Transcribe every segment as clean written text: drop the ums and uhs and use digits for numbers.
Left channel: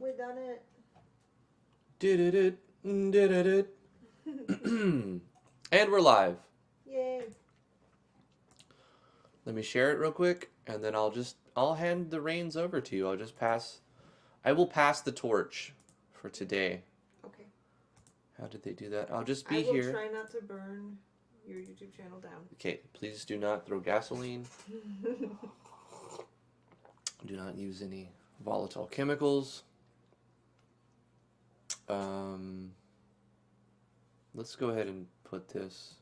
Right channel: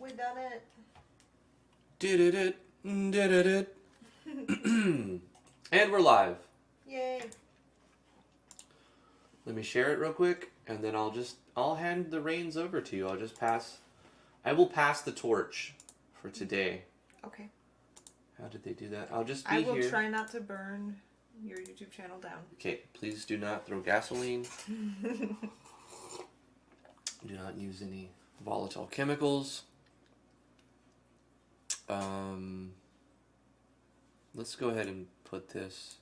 We done it. Did it. And we're live. Yay. Let me share it real quick, and then I'll hand the reins over to you. I will pass the torch for today. Okay. How did they do that? I'll just be I will here. try not to burn your YouTube channel down. Okay, please do not throw gasoline. Do not use any volatile chemicals. Let's go ahead and put this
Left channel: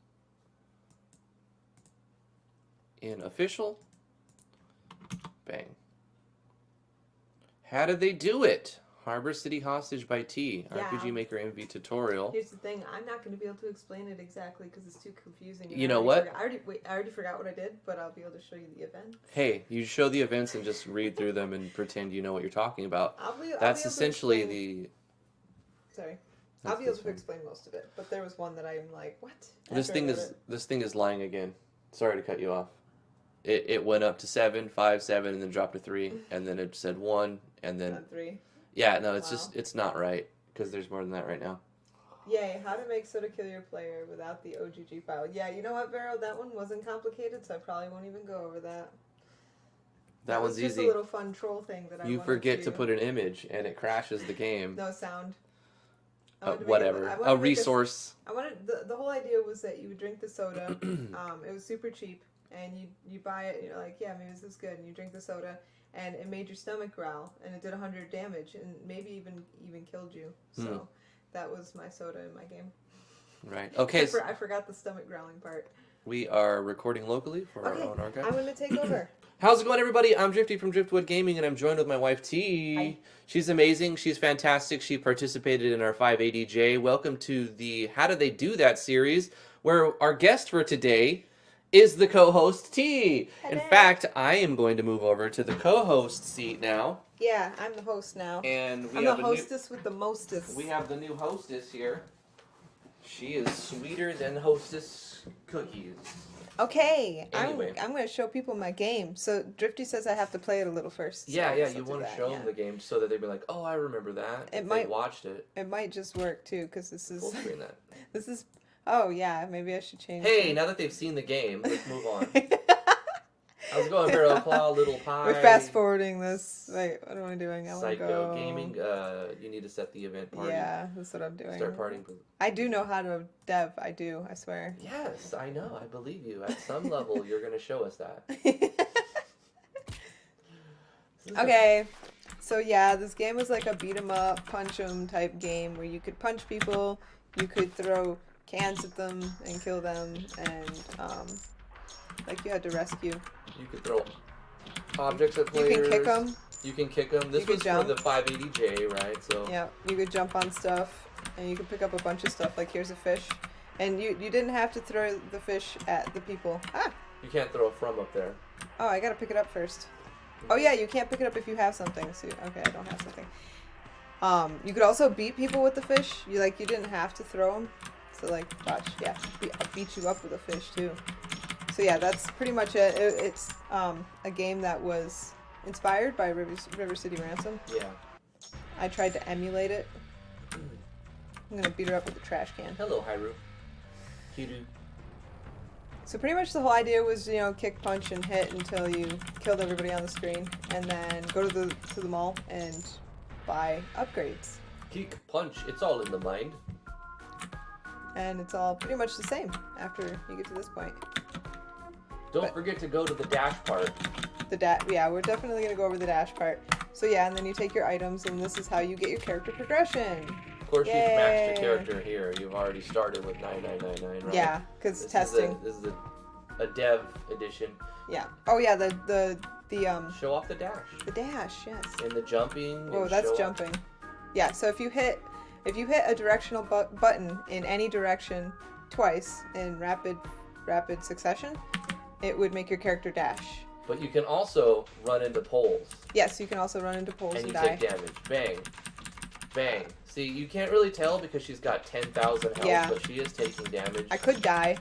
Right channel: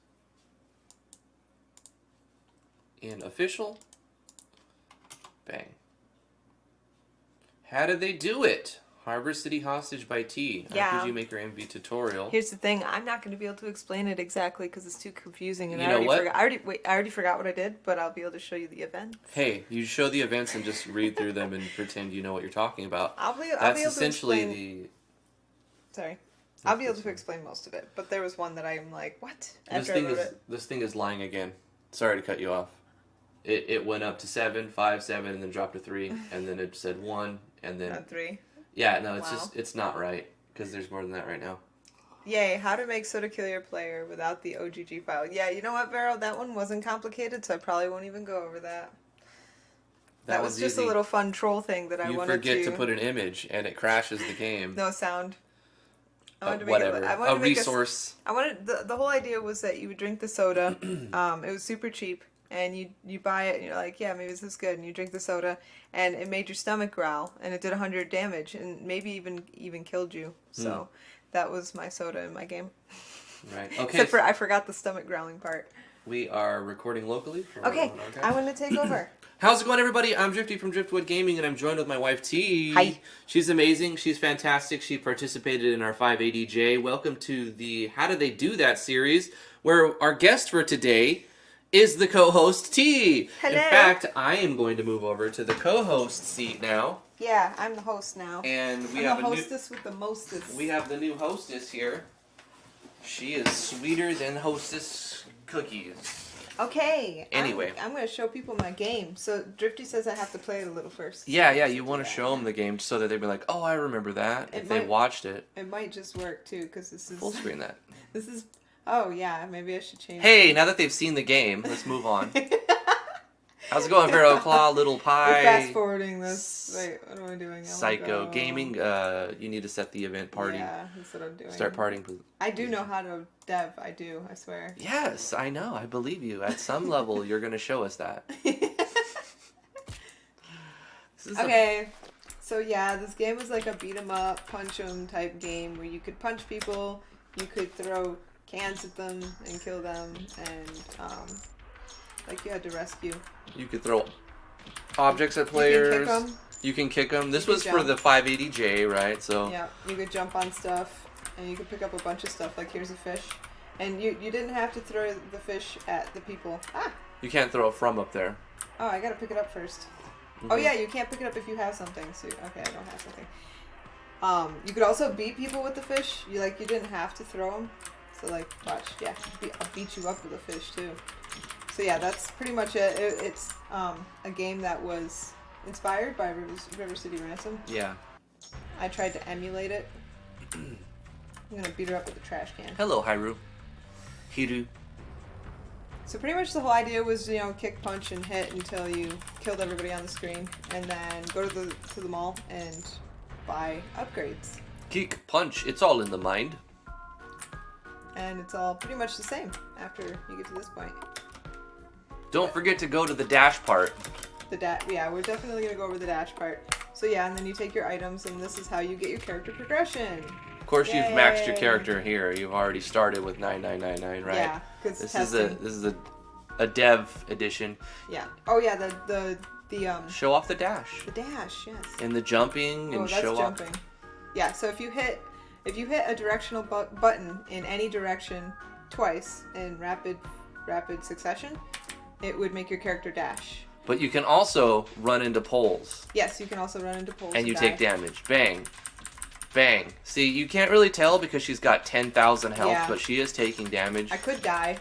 in official. Bang. How did they do it? Harbor City Hostage by T. Yeah. RPG Maker MV tutorial. Here's the thing, I'm not going to be able to explain it exactly because it's too confusing. And You know what? I already forgot what I did, but I'll be able to show you the events. Hey, you show the events and just read through them and pretend you know what you're talking about. I'll be That's able essentially to explain... Sorry. I'll be able to explain most of it, but there was one that I'm like, what? This thing is lying again. Sorry to cut you off. It went up to 7, 5, 7, and then dropped to 3, and then it said 1, and then... Not 3. Yeah, no, it's not right, because there's more than that right now. Yay, how to make soda kill your player without the OGG file. Yeah, you know what, Vero? That one wasn't complicated, so I probably won't even go over that. That was just easy. a little fun troll thing that I wanted to... You forget to put an image, and it crashes the game. No sound. I wanted to make whatever. a resource. The whole idea was that you would drink the soda. It was super cheap, and you buy it, and you're like, yeah, maybe this is good, and you drink the soda, and it made your stomach growl, and it did 100 damage, and maybe even killed you. So that was my soda in my game. Right. Okay. Except for I forgot the stomach growling part. We are recording locally. Okay, I want to take over. How's it going, everybody? I'm Drifty from Driftwood Gaming, and I'm joined with my wife, T. Hi. She's amazing. She's fantastic. She participated in our 580J. Welcome to the How Did They Do That series, where our guest for today is the co-host, T. Hello. In fact, I am going to move over to the co-host seat now. Yeah, I'm the host now. And I'm the hostess with the mostest. We have the new hostess here. She is sweeter than hostess cookies. Okay. Anyway. I'm going to show people my game. So Drifty says I have to play it a little first. Yeah, you want to show them the game so that they'd be like, oh, I remember that, if they watched it. It might just work, too, because this is... Full screen that. This is... Oh, yeah, maybe I should change Hey, now that they've seen the game, let's move on. How's it going, Vero Claw, Little Pie? We're fast-forwarding this. Wait, what am I doing? Psycho Gaming, you need to set the event party. Yeah, that's what I'm doing. Start partying. I do know how to dev. I do, I swear. Yes, I know. I believe you. At some level, you're going to show us that. Okay, so yeah, this game was like a beat-em-up, punch-em type game where you could punch people, you could throw cans at them and kill them, and like you had to rescue. You could throw objects at players. You can kick them. You can kick them. This was for the 580J, right? So yeah, you could jump on stuff, and you could pick up a bunch of stuff. Like here's a fish, and you didn't have to throw the fish at the people. Ah. You can't throw it from up there. Oh, I gotta pick it up first. Mm-hmm. Oh yeah, you can't pick it up if you have something. So okay, I don't have something. You could also beat people with the fish. You didn't have to throw them. So like, watch, yeah, I'll beat you up with a fish too. So yeah, that's pretty much it. It's a game that was inspired by River City Ransom. Yeah. I tried to emulate it. I'm gonna beat her up with a trash can. Hello, Hiru. So pretty much the whole idea was, kick, punch, and hit until you killed everybody on the screen, and then go to the mall and buy upgrades. Kick, punch, it's all in the mind. And it's all pretty much the same after you get to this point. Don't forget to go to the dash part. Yeah, we're definitely going to go over the dash part. So yeah, and then you take your items, and this is how you get your character progression. Of course, you've maxed your character here. You've already started with 9999, right? Yeah, because this is a dev edition. Yeah. Oh yeah, the show off the dash. The dash, yes. And the jumping and that's show jumping. Off. Yeah. So if you hit a directional button in any direction twice in rapid succession, it would make your character dash. But you can also run into poles. Yes, you can also run into poles. And you take damage. Bang. Bang. See, you can't really tell because she's got 10,000 health, but she is taking damage. I could die.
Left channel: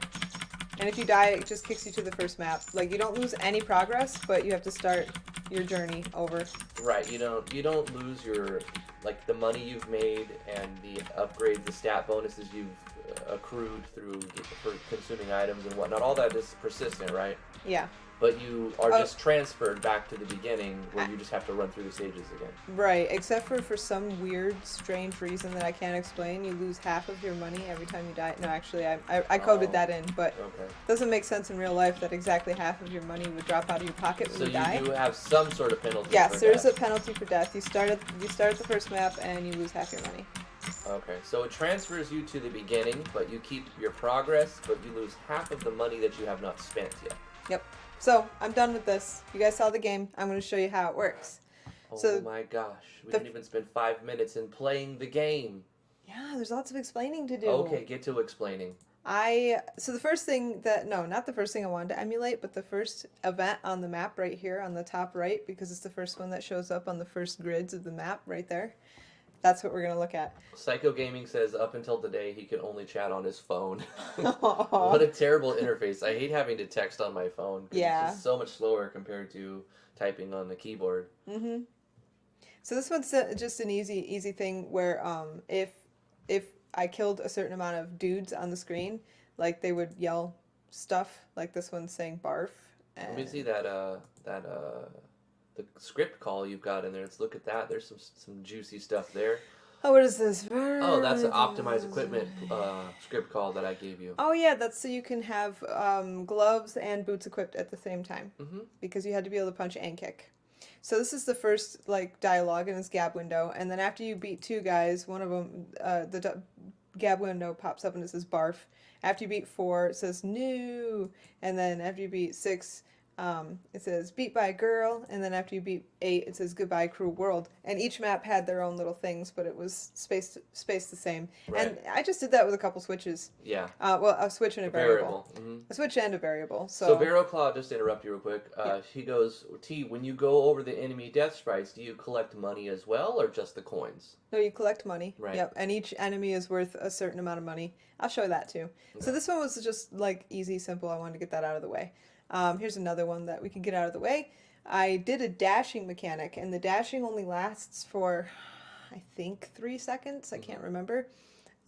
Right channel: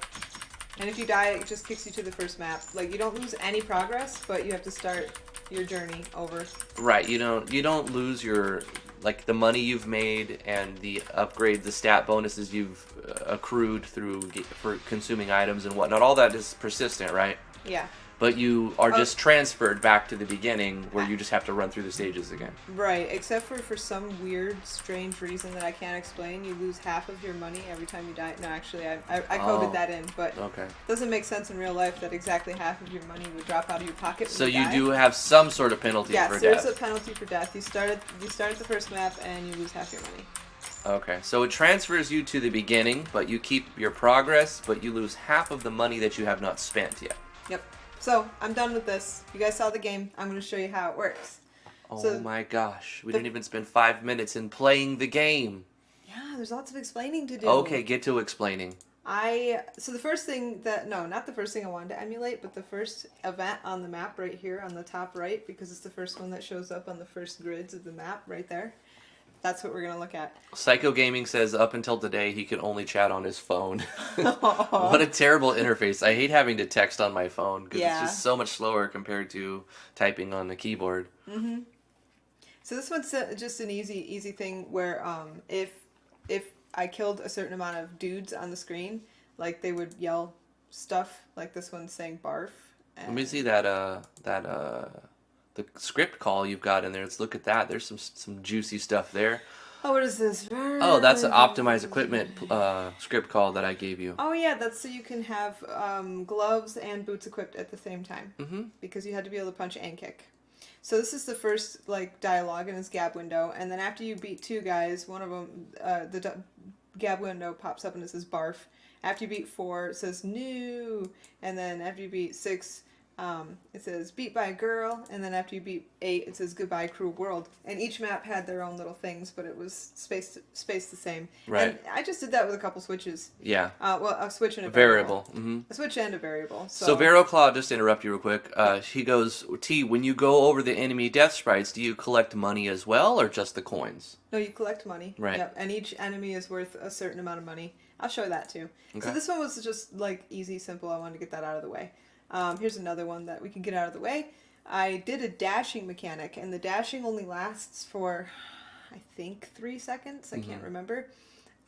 And if you die, it just kicks you to the first map. Like, you don't lose any progress, but you have to start your journey over. Right. You don't lose your like the money you've made and the upgrade, the stat bonuses you've accrued for consuming items and whatnot. All that is persistent, right? Yeah. But you are just transferred back to the beginning where you just have to run through the stages again. Right, except for some weird, strange reason that I can't explain, you lose half of your money every time you die. No, actually, I coded that in, but it doesn't make sense in real life that exactly half of your money would drop out of your pocket when you die. So you do have some sort of penalty for death. Yes, there's a penalty for death. You start at the first map and you lose half your money. Okay, so it transfers you to the beginning, but you keep your progress, but you lose half of the money that you have not spent yet. Yep. So, I'm done with this. You guys saw the game. I'm going to show you how it works. Oh my gosh. We didn't even spend 5 minutes in playing the game. Yeah, there's lots of explaining to do. Okay, get to explaining. So the first thing not the first thing I wanted to emulate, but the first event on the map right here on the top right, because it's the first one that shows up on the first grids of the map right there. That's what we're going to look at. Psycho Gaming says up until today he can only chat on his phone. What a terrible interface. I hate having to text on my phone because it's just so much slower compared to typing on the keyboard. Mm-hmm. So this one's just an easy thing where if I killed a certain amount of dudes on the screen, like they would yell stuff, like this one's saying barf. Let me see the script call you've got in there. Let's look at that. There's some juicy stuff there. Oh, what is this? Oh, that's an optimized equipment script call that I gave you. Oh, yeah, that's so you can have gloves and boots equipped at the same time. Mm-hmm. Because you had to be able to punch and kick. So this is the first dialogue in this gab window, and then after you beat 2 guys, one of them, the gab window pops up and it says barf. After you beat 4, it says new, and then after you beat 6, it says beat by a girl, and then after you beat 8, it says goodbye cruel world. And each map had their own little things, but it was spaced the same. Right. And I just did that with a couple switches. Yeah. Well, a switch and a variable. Mm-hmm. A switch and a variable. So VeroClaw, just to interrupt you real quick, he goes, T, when you go over the enemy death sprites, do you collect money as well, or just the coins? No, you collect money. Right. Yep, and each enemy is worth a certain amount of money. I'll show that too. Okay. So this one was just easy, simple. I wanted to get that out of the way. Here's another one that we can get out of the way. I did a dashing mechanic, and the dashing only lasts for, I think, 3 seconds. I can't remember.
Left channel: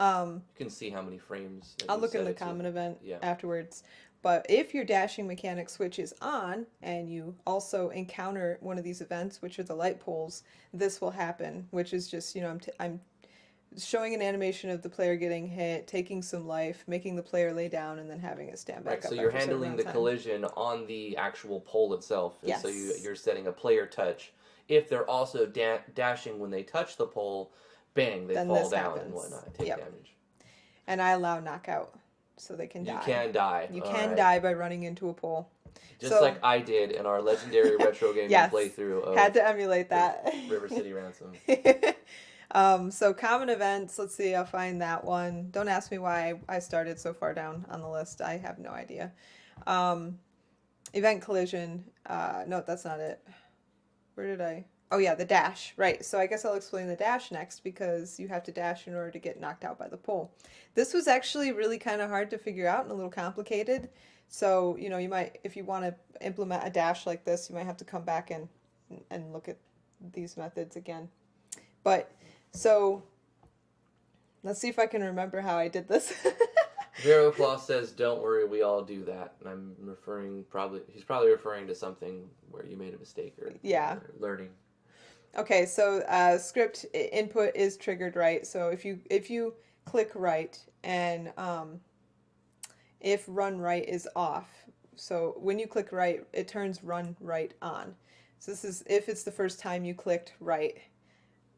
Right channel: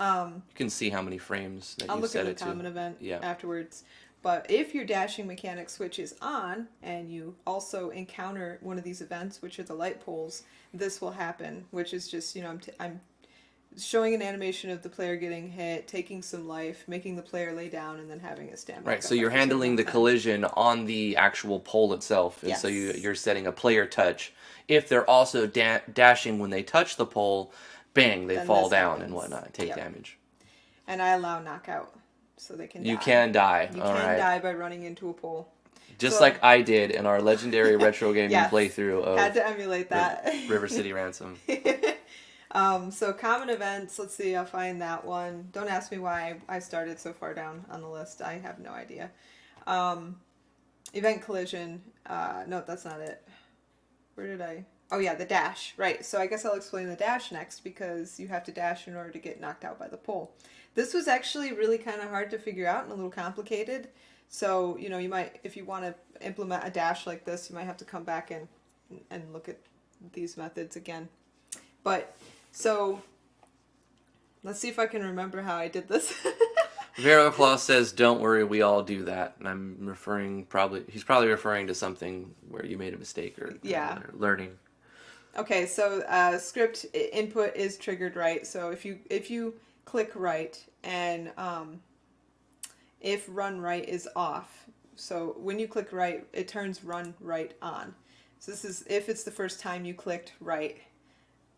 You can see how many frames that I'll you look set at it the common to. event Yeah. afterwards. But if your dashing mechanic switches on, and you also encounter one of these events, which are the light poles, this will happen, which is just, I'm showing an animation of the player getting hit, taking some life, making the player lay down, and then having it stand back up. Right, so you're handling the collision on the actual pole itself, and so you're setting a player touch. If they're also dashing when they touch the pole, bang, they fall down and whatnot, and take damage. And I allow knockout, so they can die. You can die. You can die by running into a pole. Just like I did in our legendary retro gaming playthrough of had to emulate that. River City Ransom. So common events, let's see, I'll find that one. Don't ask me why I started so far down on the list. I have no idea. Event collision. No, that's not it. Where did I? Oh yeah, the dash. Right. So I guess I'll explain the dash next because you have to dash in order to get knocked out by the pole. This was actually really kind of hard to figure out and a little complicated. So, you might, if you want to implement a dash like this, you might have to come back and look at these methods again. But, so, let's see if I can remember how I did this. VeroClaw says, don't worry, we all do that. And I'm he's probably referring to something where you made a mistake or learning. Okay, so script input is triggered right. So if you click right and if run right is off, so when you click right, it turns run right on. So this is if it's the first time you clicked right,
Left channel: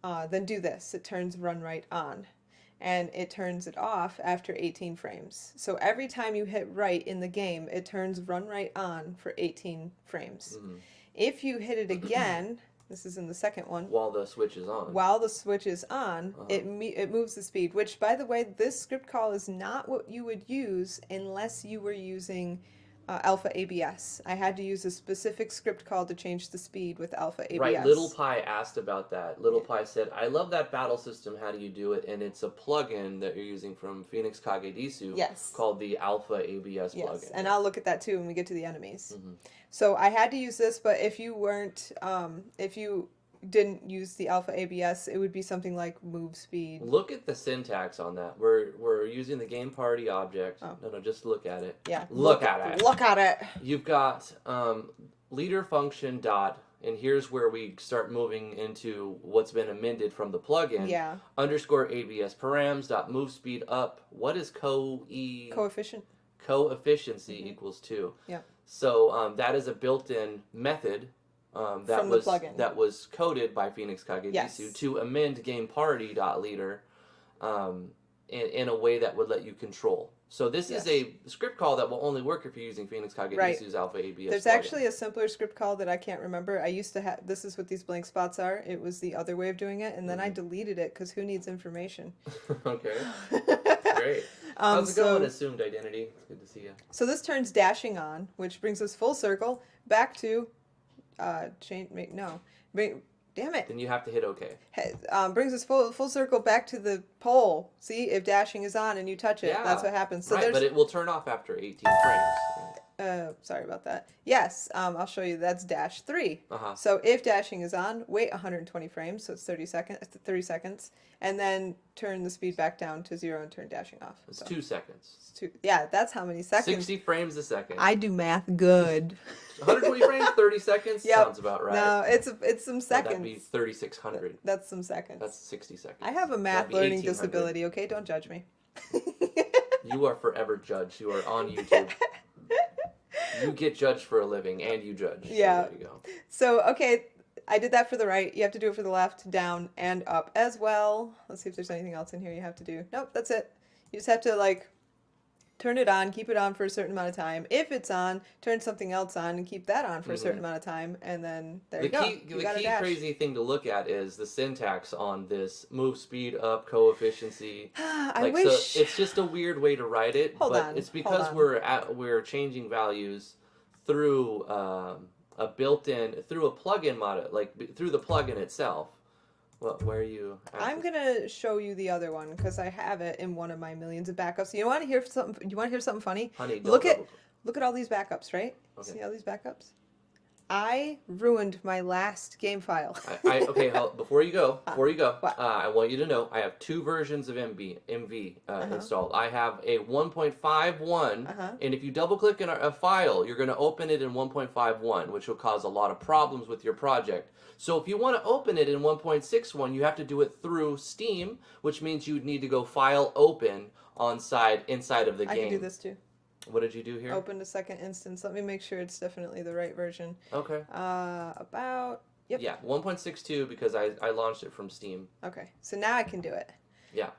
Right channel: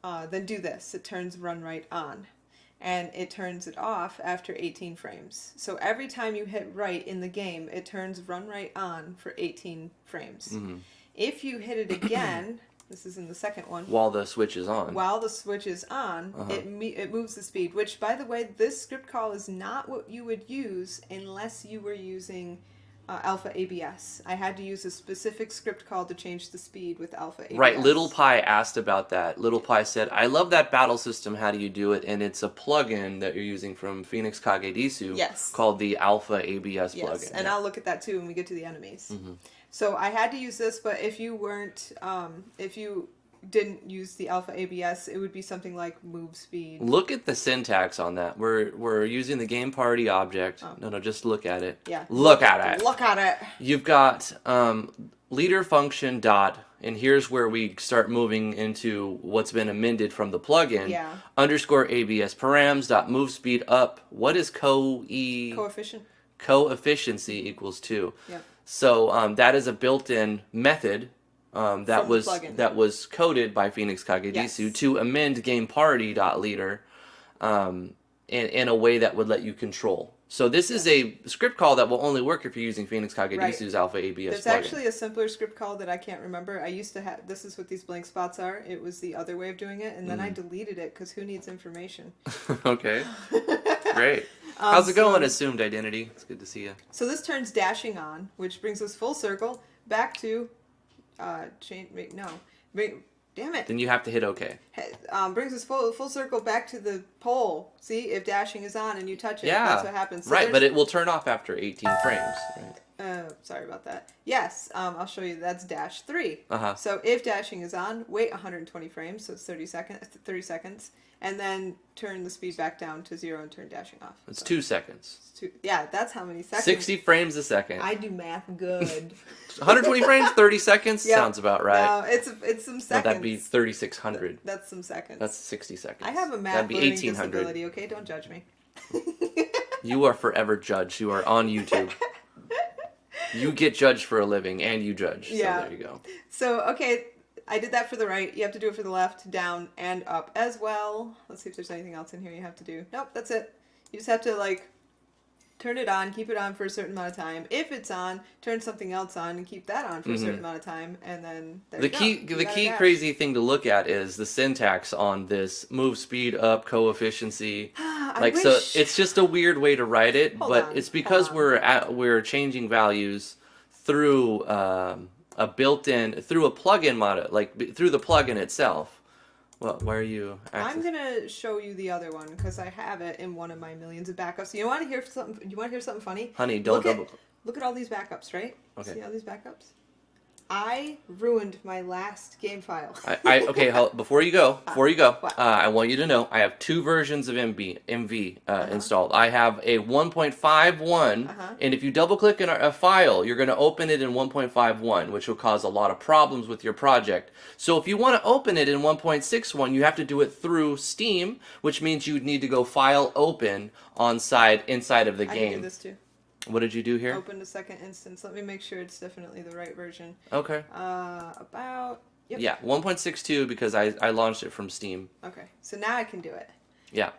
then do this. It turns run right on. And it turns it off after 18 frames. So every time you hit right in the game, it turns run right on for 18 frames. Mm-hmm. If you hit it again, this is in the second one. While the switch is on. While the switch is on, it moves the speed. Which, by the way, this script call is not what you would use unless you were using alpha ABS. I had to use a specific script call to change the speed with alpha ABS. Right, Little Pie asked about that. Little Pie said, I love that battle system, how do you do it? And it's a plugin that you're using from Phoenix Kagedisu called the Alpha ABS plugin. And I'll look at that too when we get to the enemies. So I had to use this, but if you weren't, if you didn't use the alpha ABS, it would be something like move speed. Look at the syntax on that. We're using the game party object. No, just look at it. Yeah. Look at it. Look at it. You've got leader function dot, and here's where we start moving into what's been amended from the plugin. Yeah. Underscore ABS params dot move speed up. What is coefficient? Coefficiency equals 2. Yeah. So that is a built-in method that was coded by Phoenix Kagedisu to amend game party dot leader in a way that would let you control. So this is a script call that will only work if you're using Phoenix Kagedisu's Alpha ABS There's plugin. actually a simpler script call that I can't remember. I used to have, this is what these blank spots are. It was the other way of doing it, and then I deleted it because who needs information? Okay. Great. How's it going, Assumed Identity? It's good to see you. So this turns dashing on, which brings us full circle back to, damn it. Then you have to hit OK. Brings us full circle back to the pole. See, if dashing is on and you touch it, that's what happens. So right, but it will turn off after 18 frames. Right? Sorry about that. Yes, I'll show you. That's dash 3. So if dashing is on, wait 120 frames, so it's 30 seconds, and then turn the speed back down to 0 and turn dashing off. It's 2 seconds. Yeah, that's how many seconds. 60 frames a second. I do math good. 120 frames, 30 seconds? Sounds about right. No, it's some seconds. That'd be 3,600. That's some seconds. That's 60 seconds. I have a math learning disability, okay? Don't judge me. You are forever judged. You are on YouTube. You get judged for a living, and you judge. Yeah. So there you go. So, okay, I did that for the right. You have to do it for the left, down, and up as well. Let's see if there's anything else in here you have to do. Nope, that's it. You just have to, like, turn it on, keep it on for a certain amount of time. If it's on, turn something else on and keep that on for a certain amount of time, and then there you go. The key crazy thing to look at is the syntax on this move speed up coefficiency. So it's just a weird way to write it, it's because we're changing values through a plugin mod, through the plugin itself. Well, why are you? I'm gonna show you the other one because I have it in one of my millions of backups. You want to hear something? You want to hear something funny? Honey, don't look at all these backups, right? Okay. See all these backups? I ruined my last game file. Before you go, I want you to know I have 2 versions of MV installed. I have a 1.51, and if you double-click in a file, you're going to open it in 1.51, which will cause a lot of problems with your project. So if you want to open it in 1.61, you have to do it through Steam, which means you would need to go File Open inside of the game. I can do this too. What did you do here? Open the second instance. Let me make sure it's definitely the right version. Okay. Yep. Yeah, 1.62 because I launched it from Steam. Okay, so now I can do it. Yeah.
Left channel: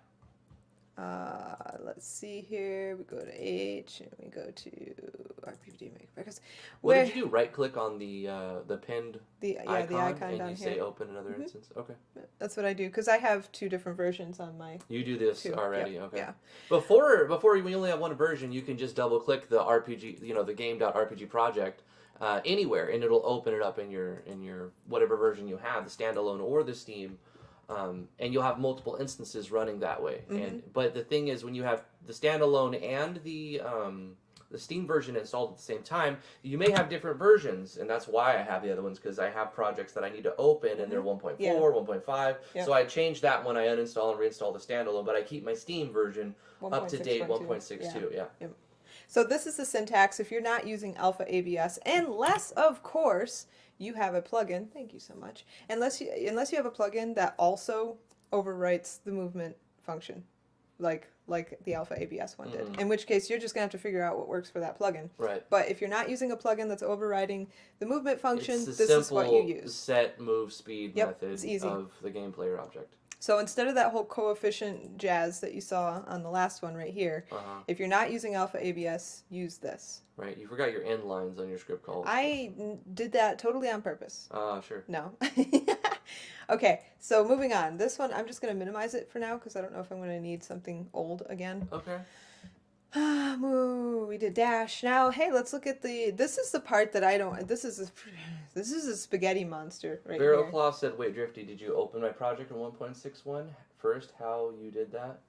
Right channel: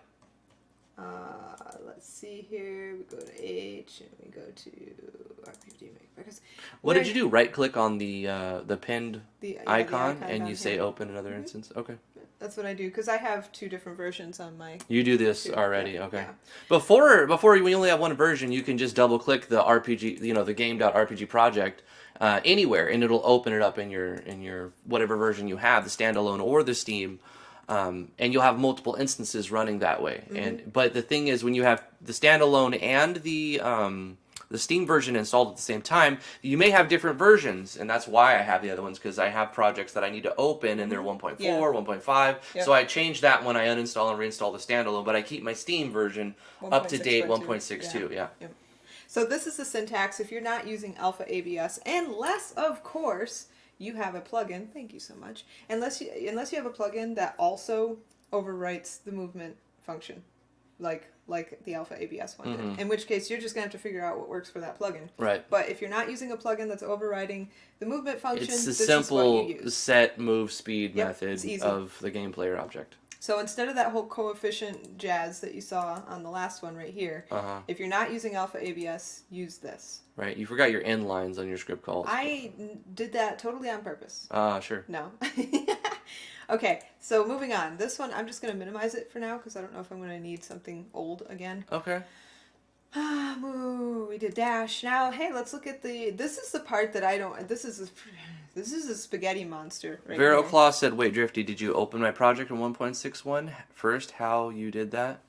Let's see here. We go to H and we go to RPD make breakfast. What did you do? Right click on the pinned icon the and you say open another instance? Okay. That's what I do because I have 2 different versions on my. You do this already, okay. Yeah. Before we only have one version, you can just double click the RPG, the game.rpg project anywhere, and it'll open it up in your whatever version you have, the standalone or the Steam. And you'll have multiple instances running that way. But the thing is, when you have the standalone and the Steam version installed at the same time, you may have different versions, and that's why I have the other ones, because I have projects that I need to open, and they're 1.4, 1.5. Yep. So I change that when I uninstall and reinstall the standalone, but I keep my Steam version up to date 1.62. Yeah. Yep. So this is the syntax if you're not using Alpha ABS, unless, of course, you have a plugin. Thank you so much. Unless you have a plugin that also overwrites the movement function, like the Alpha ABS one did. In which case, you're just gonna have to figure out what works for that plugin. Right. But if you're not using a plugin that's overriding the movement function, it's a simple set move speed method of the game player object. So instead of that whole coefficient jazz that you saw on the last one right here, if you're not using Alpha ABS, use this. Right. You forgot your end lines on your script calls. I did that totally on purpose. Sure. No. Okay, so moving on. This one, I'm just going to minimize it for now because I don't know if I'm going to need something old again. Okay. Moo, we did dash. Now, hey, let's look at the. This is the part that I don't. This is a spaghetti monster right Vero here. Claw said, "Wait, Drifty, did you open my project in 1.61 first? How you did that?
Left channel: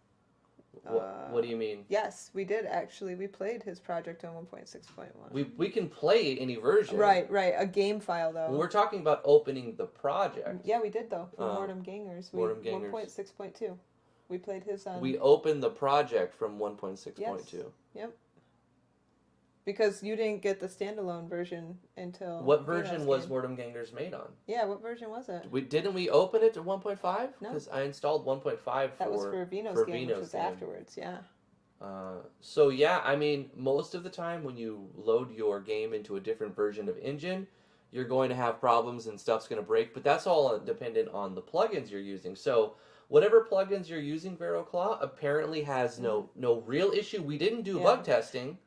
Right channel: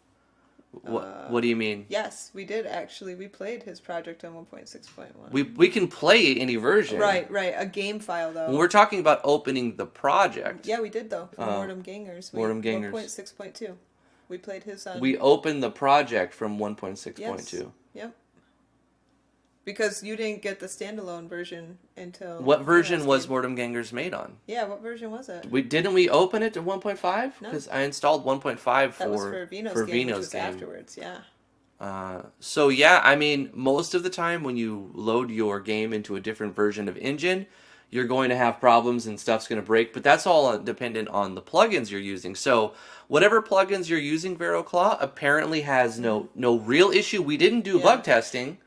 What do you mean?" Yes, we did actually. We played his project on 1.6.1. We can play any version. Right. A game file though. When we're talking about opening the project. Yeah, we did though. For Mortem Gangers. Mortem Gangers. 1.6.2. We played his. We opened the project from 1.6.2. Yes. Yep. Because you didn't get the standalone version until. What version was Mortem Gangers made on? Yeah, what version was it? Didn't we open it to 1.5? No. Because I installed 1.5 for Vino's game. Afterwards, yeah. So yeah, I mean, most of the time when you load your game into a different version of engine, you're going to have problems and stuff's going to break. But that's all dependent on the plugins you're using. So whatever plugins you're using, VeroClaw apparently has no real issue. We didn't do bug testing.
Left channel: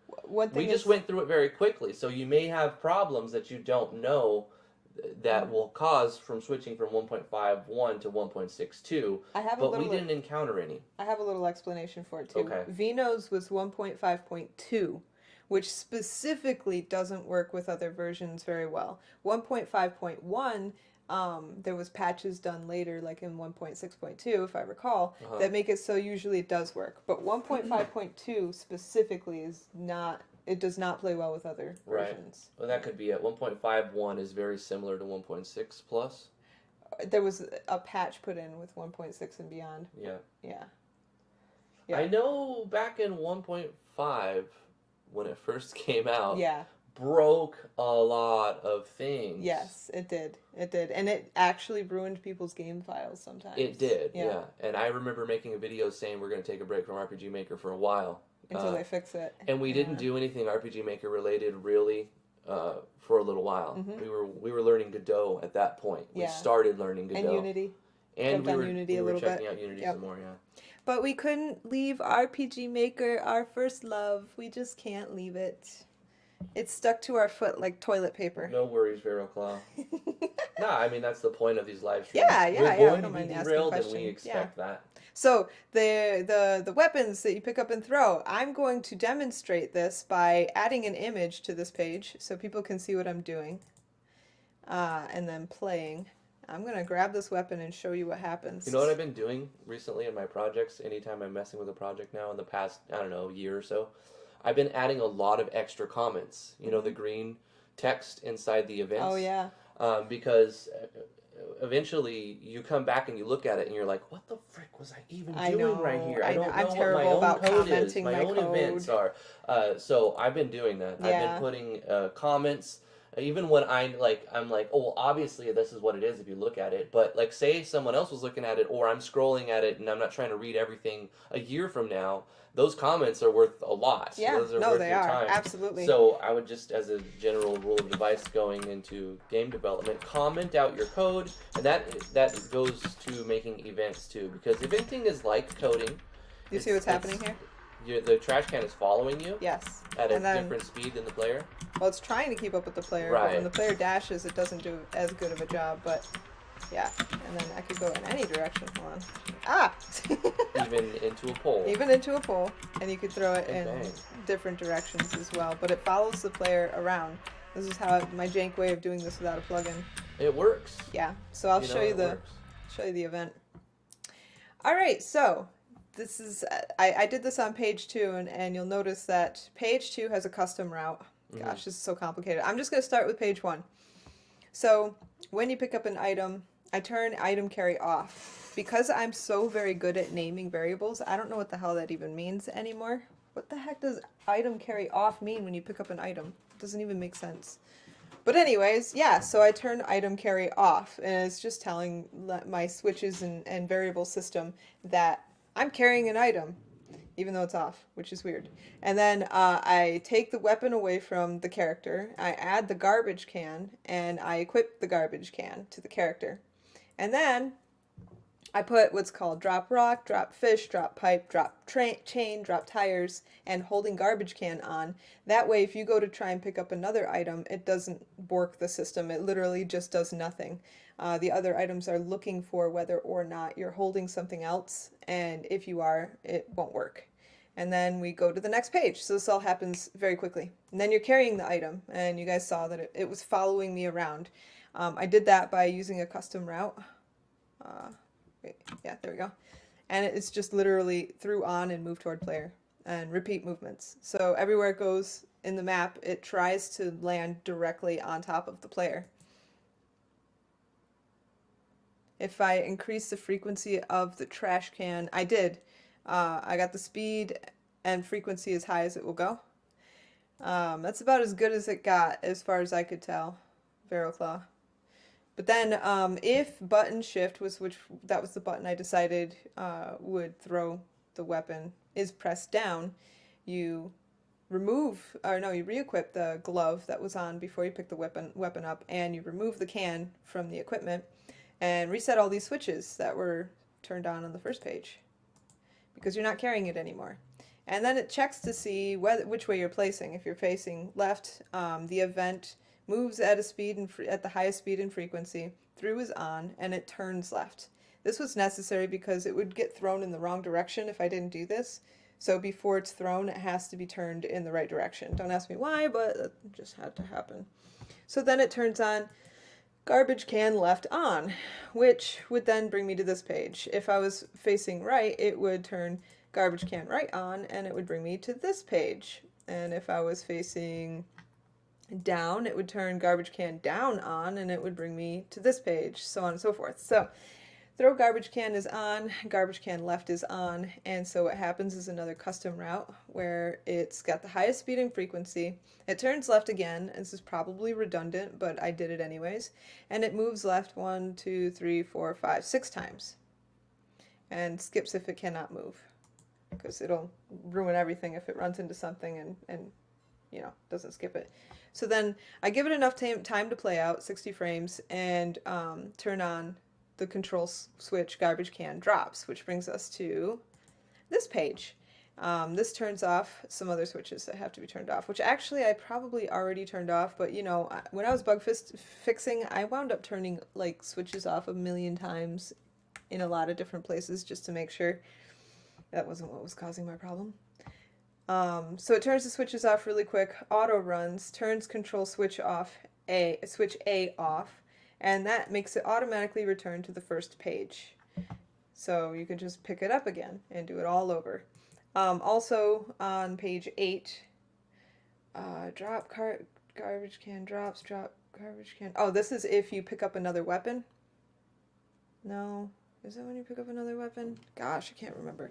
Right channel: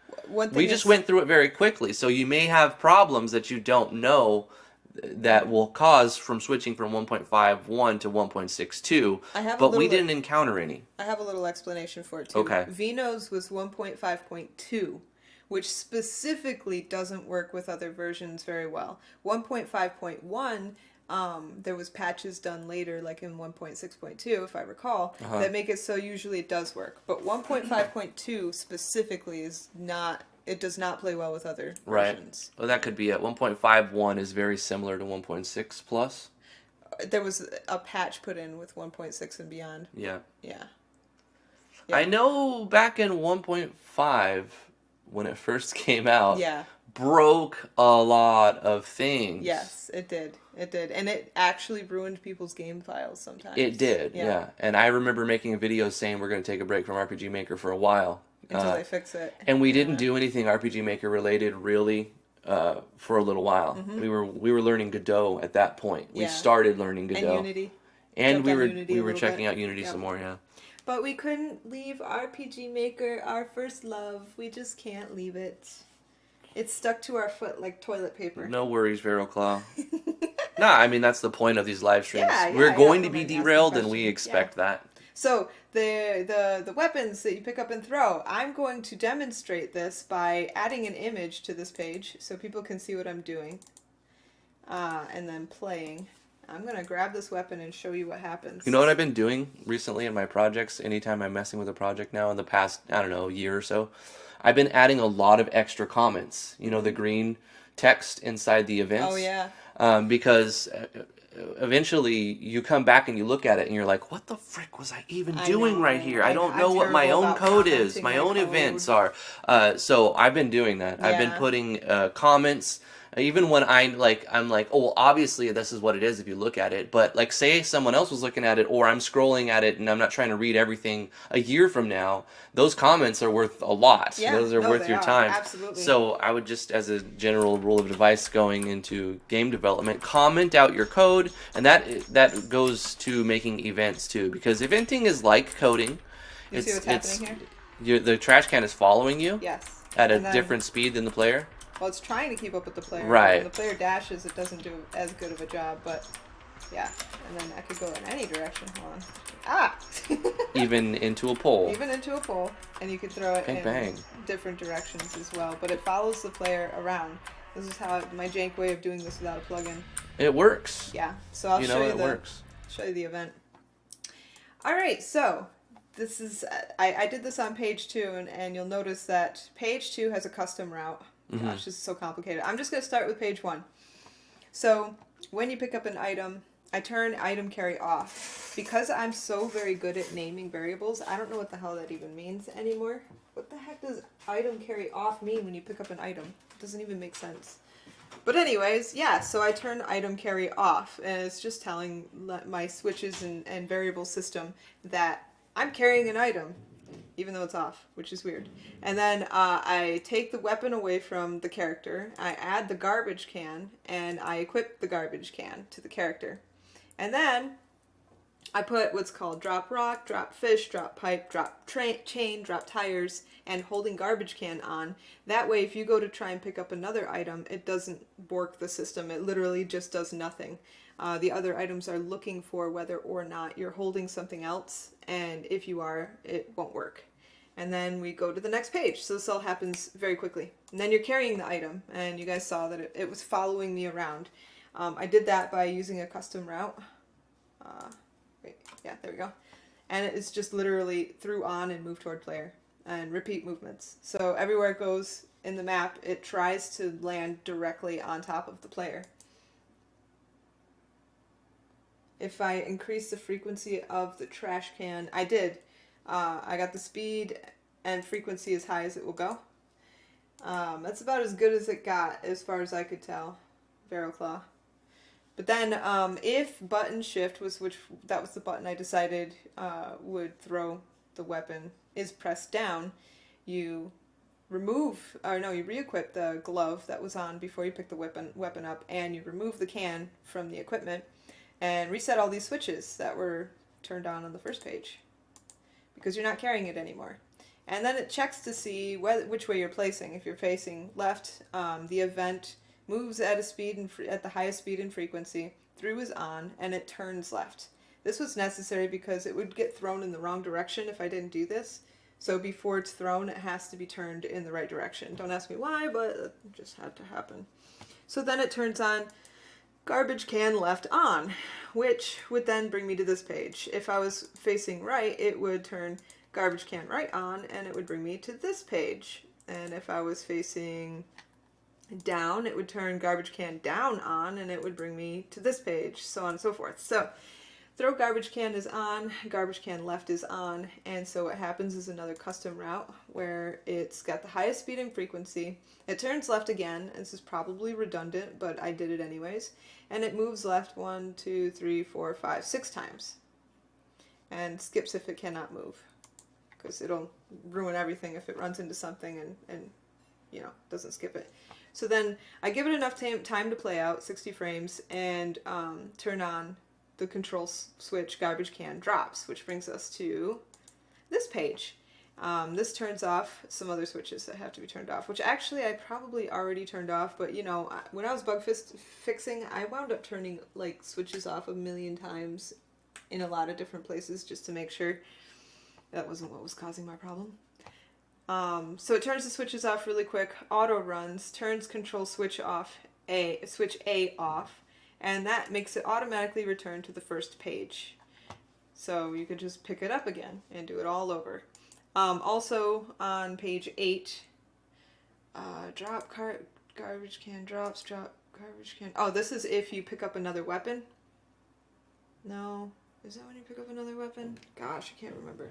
We just went through it very quickly. So you may have problems that you don't know that will cause from switching from 1.51 to 1.62, but we didn't encounter any. I have a little explanation for it too. Okay. Vino's was 1.5.2, which specifically doesn't work with other versions very well. 1.5.1, there was patches done later, like in 1.6.2, if I recall, that make it so usually it does work. But 1.5.2 specifically is not. It does not play well with other versions. Well, that could be it. 1.51 is very similar to 1.6 plus. There was a patch put in with 1.6 and beyond. Yeah. Yeah. I know back in 1.5, when it first came out, broke a lot of things. Yes, it did. It did. And it actually ruined people's game files sometimes. It did, yeah. And I remember making a video saying we're going to take a break from RPG Maker for a while. Until they fix it. And we didn't do anything RPG Maker related really for a little while. We were learning Godot at that point. We started learning Godot. And Unity. And we were checking out Unity some more, yeah. But we couldn't leave RPG Maker, our first love. We just can't leave it. It's stuck to our foot like toilet paper. No worries, VeroClaw. Nah, I mean, that's the point of these live streams. Yeah, we're going to be derailed, and we expect that. So the weapons that you pick up and throw, I'm going to demonstrate this by adding an image to this page so people can see what I'm doing. And then playing. I'm going to grab this weapon and show you what happens. You know what I've been doing recently in my projects? Anytime I'm messing with a project now in the past, I don't know, year or so, I've been adding a lot of extra comments. You know, the green text inside the events. Oh, yeah. Because eventually you come back and you look at it and you're like, what the frick was I even doing right here? I don't know what my own code is. My own events are. So I've been doing that. I've been putting comments. Even when I'm like, oh, well, obviously this is what it is if you look at it. But like, say someone else was looking at it, or I'm scrolling at it and I'm not trying to read everything a year from now. Those comments are worth a lot. Yeah, those are worth your time. Absolutely. So I would just, as a general rule of advice going into game development, comment out your code, and that goes to making events too, because eventing is like coding. You see what's happening here? The trash can is following you. Yes. At a different speed than the player. Well, it's trying to keep up with the player. Right. When the player dashes, it doesn't do as good of a job, but yeah. And then I could go in any direction. Even into a pole. Even into a pole. And you could throw it bang. Different directions as well. But it follows the player around. This is how my jank way of doing this without a plugin. It works. Yeah. So I'll show you works. Show you the event. All right. So this is I did this on page 2, and you'll notice that page 2 has a custom route. Gosh, this is so complicated. I'm just going to start with page 1. So when you pick up an item, I turn item carry off. Because I'm so very good at naming variables, I don't know what the hell that even means anymore. What the heck does item carry off mean when you pick up an item? It doesn't even make sense. But anyways, yeah, so I turn item carry off, and it's just telling my switches and variable system that I'm carrying an item, even though it's off, which is weird. And then I take the weapon away from the character, I add the garbage can, and I equip the garbage can to the character. And then I put what's called drop rock, drop fish, drop pipe, drop chain, drop tires, and holding garbage can on. That way, if you go to try and pick up another item, it doesn't bork the system. It literally just does nothing. The other items are looking for whether or not you're holding something else, and if you are, it won't work. And then we go to the next page. So this all happens very quickly. And then you're carrying the item, and you guys saw that it was following me around. I did that by using a custom route. Yeah, there we go. And it's just literally through on and move toward player and repeat movements. So everywhere it goes in the map, it tries to land directly on top of the player. If I increase the frequency of the trash can, I did. I got the speed and frequency as high as it will go. That's about as good as it got as far as I could tell. Ferroclaw. But then if button shift was that was the button I decided would throw the weapon, is pressed down, you you re-equip the glove that was on before you pick the weapon up, and you remove the can from the equipment and reset all these switches that were turned on the first page because you're not carrying it anymore. And then it checks to see which way you're placing. If you're facing left, the event moves at at the highest speed and frequency. Through is on, and it turns left. This was necessary because it would get thrown in the wrong direction if I didn't do this. So before it's thrown, it has to be turned in the right direction. Don't ask me why, but it just had to happen. So then it turns on garbage can left on, which would then bring me to this page. If I was facing right, it would turn garbage can right on, and it would bring me to this page. And if I was facing down, it would turn garbage can down on, and it would bring me to this page, so on and so forth. So throw garbage can is on, garbage can left is on, and so what happens is another custom route where it's got the highest speed and frequency. It turns left again. This is probably redundant, but I did it anyways. And it moves left 1, 2, 3, 4, 5, 6 times. And skips if it cannot move. Because it'll ruin everything if it runs into something and doesn't skip it. So then I give it enough time to play out, 60 frames, and turn on the control switch garbage can drops, which brings us to this page. This turns off some other switches that have to be turned off, which actually I probably already turned off, but when I was bug fixing, I wound up turning switches off a million times in a lot of different places just to make sure that wasn't what was causing my problem. So it turns the switches off really quick, auto runs, turns control switch A off, and that makes it automatically return to the first page. So you can just pick it up again and do it all over. Also on page 8, drop garbage can drops, drop garbage can. Oh, this is if you pick up another weapon. No, is that when you pick up another weapon? Gosh, I can't remember.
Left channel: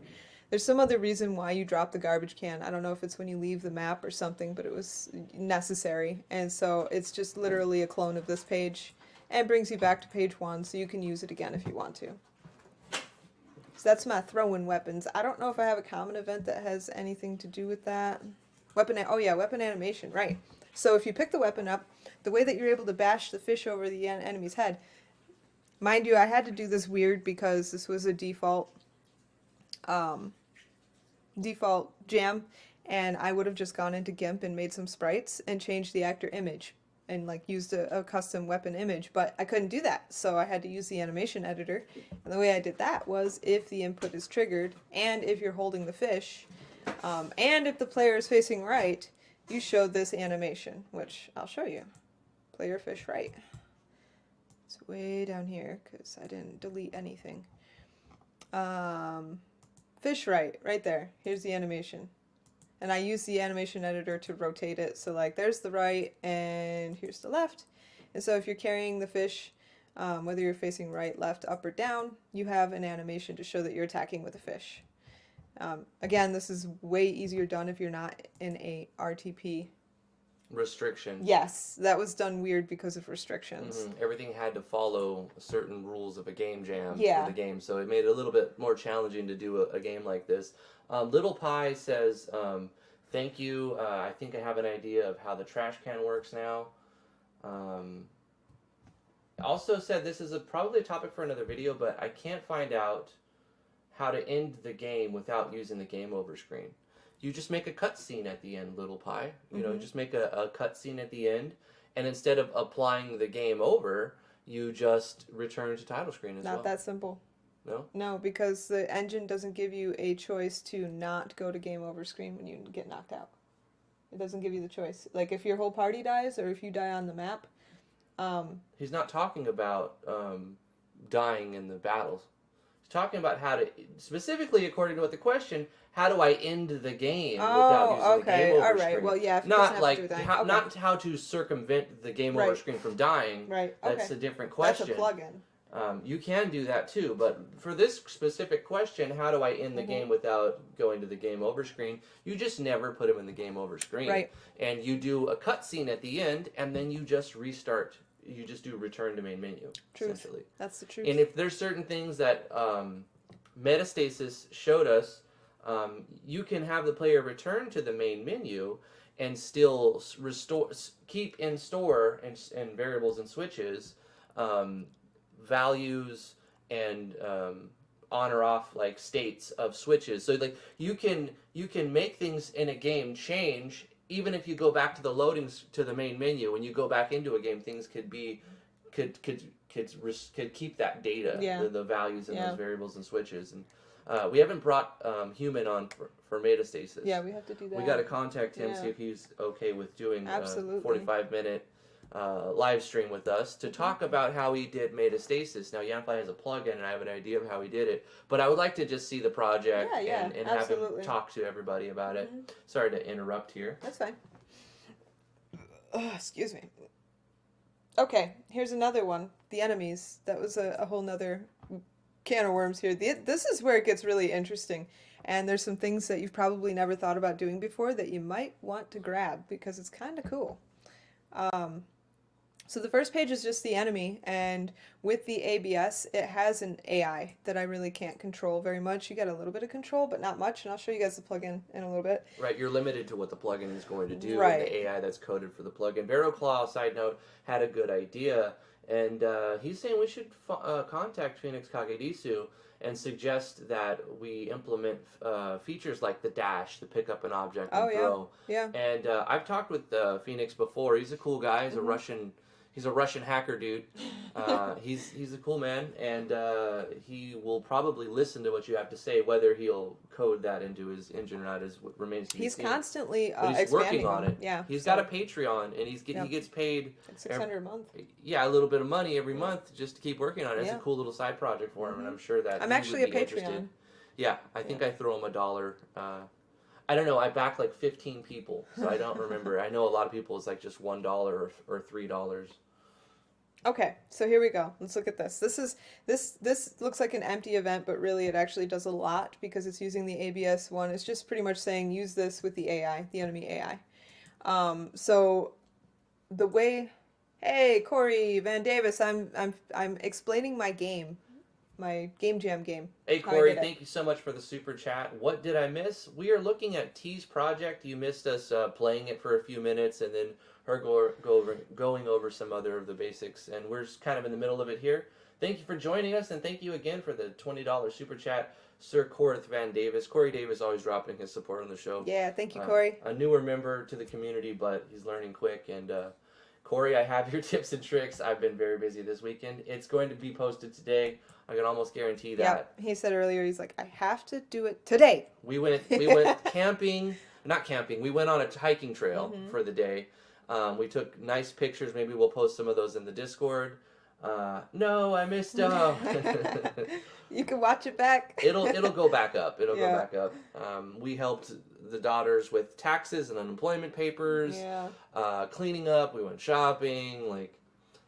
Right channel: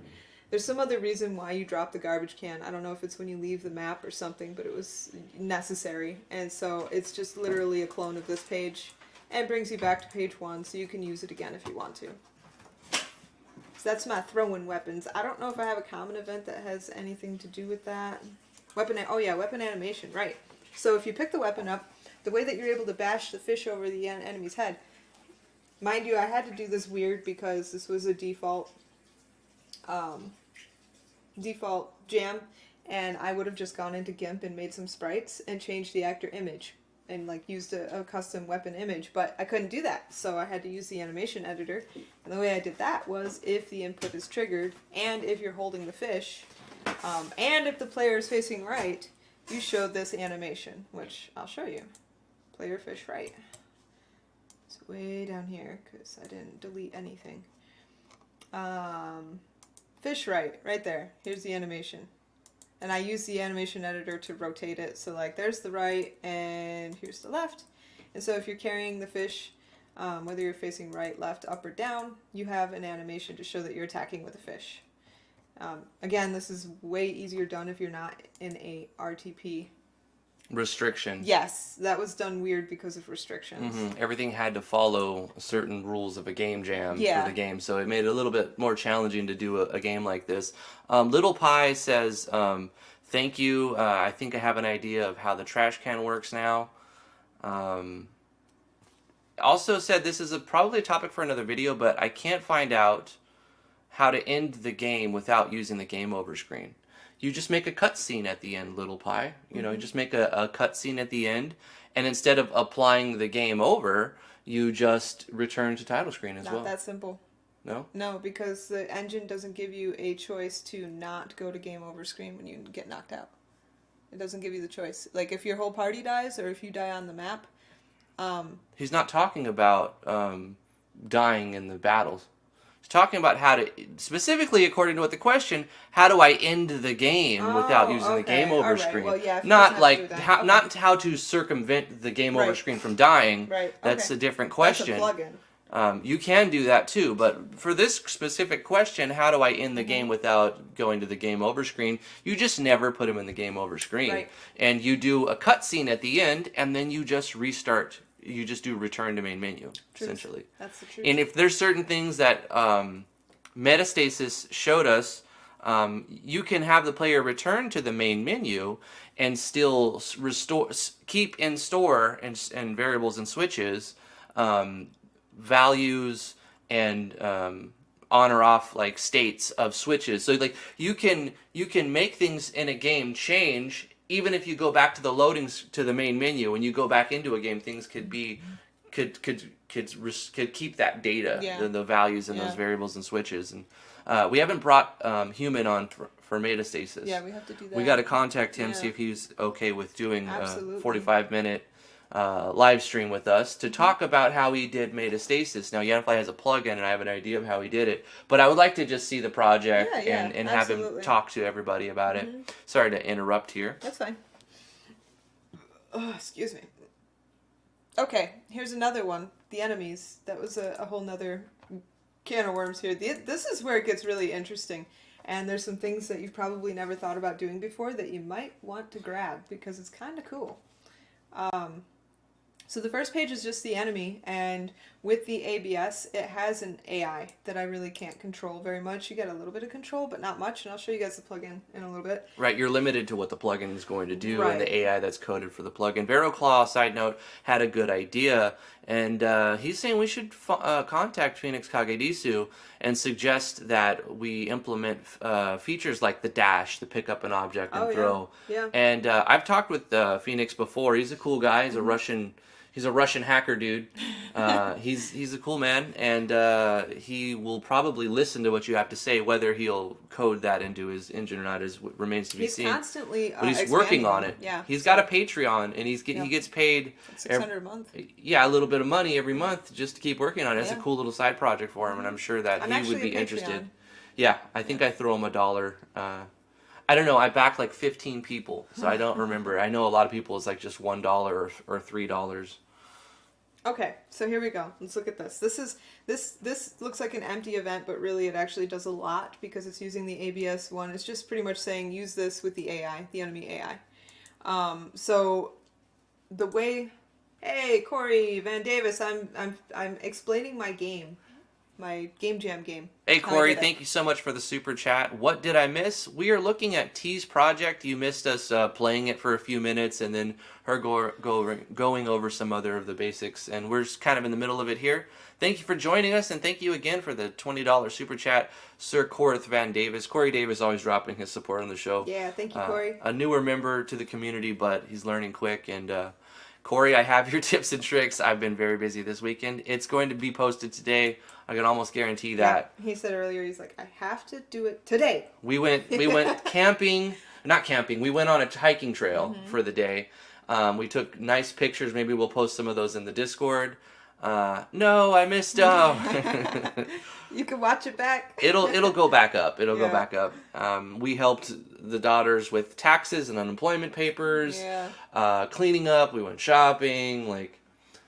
There's some other reason why you drop the garbage can. I don't know if it's when you leave the map or something, but it was necessary. And so it's just literally a clone of this page and brings you back to page 1 so you can use it again if you want to. So that's my throw-in weapons. I don't know if I have a common event that has anything to do with that. Weapon animation, right. So if you pick the weapon up, the way that you're able to bash the fish over the enemy's head, mind you, I had to do this weird because this was a default jam, and I would have just gone into GIMP and made some sprites and changed the actor image and used a custom weapon image, but I couldn't do that, so I had to use the animation editor. And the way I did that was if the input is triggered, and if you're holding the fish, and if the player is facing right, you show this animation, which I'll show you. Player fish right. It's way down here because I didn't delete anything. Fish right there. Here's the animation. And I use the animation editor to rotate it. So there's the right and here's the left. And so if you're carrying the fish, whether you're facing right, left, up, or down, you have an animation to show that you're attacking with a fish. Again, this is way easier done if you're not in a RTP. Restriction. Yes, that was done weird because of restrictions. Mm-hmm. Everything had to follow certain rules of a game jam for the game, so it made it a little bit more challenging to do a game like this. Little Pie says, thank you. I think I have an idea of how the trash can works now. Also said this is probably a topic for another video, but I can't find out how to end the game without using the game over screen. You just make a cutscene at the end, Little Pie. You just make a cutscene at the end, and instead of applying the game over, you just return to title screen as well. Not that simple. No? No, because the engine doesn't give you a choice to not go to game over screen when you get knocked out. It doesn't give you the choice. Like, if your whole party dies, or if you die on the map... He's not talking about dying in the battles. He's talking about how to, specifically according to what the question, how do I end the game without using the game over screen? Well, yeah, not like not how to circumvent the game over screen from dying. Right. That's a different question. That's a plugin. You can do that too, but for this specific question, how do I end the game without going to the game over screen? You just never put him in the game over screen. Right. And you do a cutscene at the end, and then you just restart. You just do return to main menu, essentially. That's the truth. And if there's certain things that Metastasis showed us, you can have the player return to the main menu and still keep in store and variables and switches values and on or off like states of switches. So like you can make things in a game change even if you go back to the loadings to the main menu. When you go back into a game, things could keep that data, the values and those variables and switches. And we haven't brought Human on for Metastasis. Yeah, we have to do that. We got to contact him, see if he's okay with doing a 45-minute live stream with us to talk about how he did Metastasis. Now, Yanfly has a plugin, and I have an idea of how he did it, but I would like to just see the project and have him talk to everybody about it. Sorry to interrupt here. That's fine. Oh, excuse me. Okay, here's another one. The enemies. That was a whole nother can of worms here. This is where it gets really interesting. And there's some things that you've probably never thought about doing before that you might want to grab because it's kind of cool. So the first page is just the enemy, and with the ABS, it has an AI that I really can't control very much. You get a little bit of control, but not much, and I'll show you guys the plugin in a little bit. Right, you're limited to what the plugin is going to do and the AI that's coded for the plugin. VeroClaw, side note, had a good idea, and he's saying we should contact Phoenix Kagedisu and suggest that we implement features like the dash, the pick up an object and throw. Yeah. And I've talked with Phoenix before. He's a cool guy. He's a Russian hacker dude. He's a cool man, and he will probably listen to what you have to say. Whether he'll code that into his engine or not remains to be seen. He's constantly but he's working on it. Yeah. He's got a Patreon, and he gets paid $600 a month. Yeah, a little bit of money every month just to keep working on it. It's a cool little side project for him, and I'm sure that he would be interested. Yeah, I think I throw him $1. I don't know. I backed like 15 people, so I don't remember. I know a lot of people it's like just $1 or $3. Okay, so here we go. Let's look at this. This looks like an empty event, but really it actually does a lot because it's using the ABS one. It's just pretty much saying use this with the AI, the enemy AI. So the way, hey Corey Van Davis, I'm explaining my game, my Game Jam game. Hey Corey, thank you so much for the super chat. What did I miss? We are looking at T's project. You missed us playing it for a few minutes and then her going over some other of the basics, and we're just kind of in the middle of it here. Thank you for joining us, and thank you again for the $20 super chat, Sir Corth Van Davis. Corey Davis always dropping his support on the show. Yeah, thank you, Corey. A newer member to the community, but he's learning quick. And Corey, I have your tips and tricks. I've been very busy this weekend. It's going to be posted today. I can almost guarantee that. Yeah, he said earlier, he's like, I have to do it today. We went camping, not camping. We went on a hiking trail for the day. We took nice pictures. Maybe we'll post some of those in the Discord. No, I missed up. You can watch it back. It'll go back up. It'll go back up. We helped the daughters with taxes and unemployment papers. Yeah. Cleaning up. We went shopping.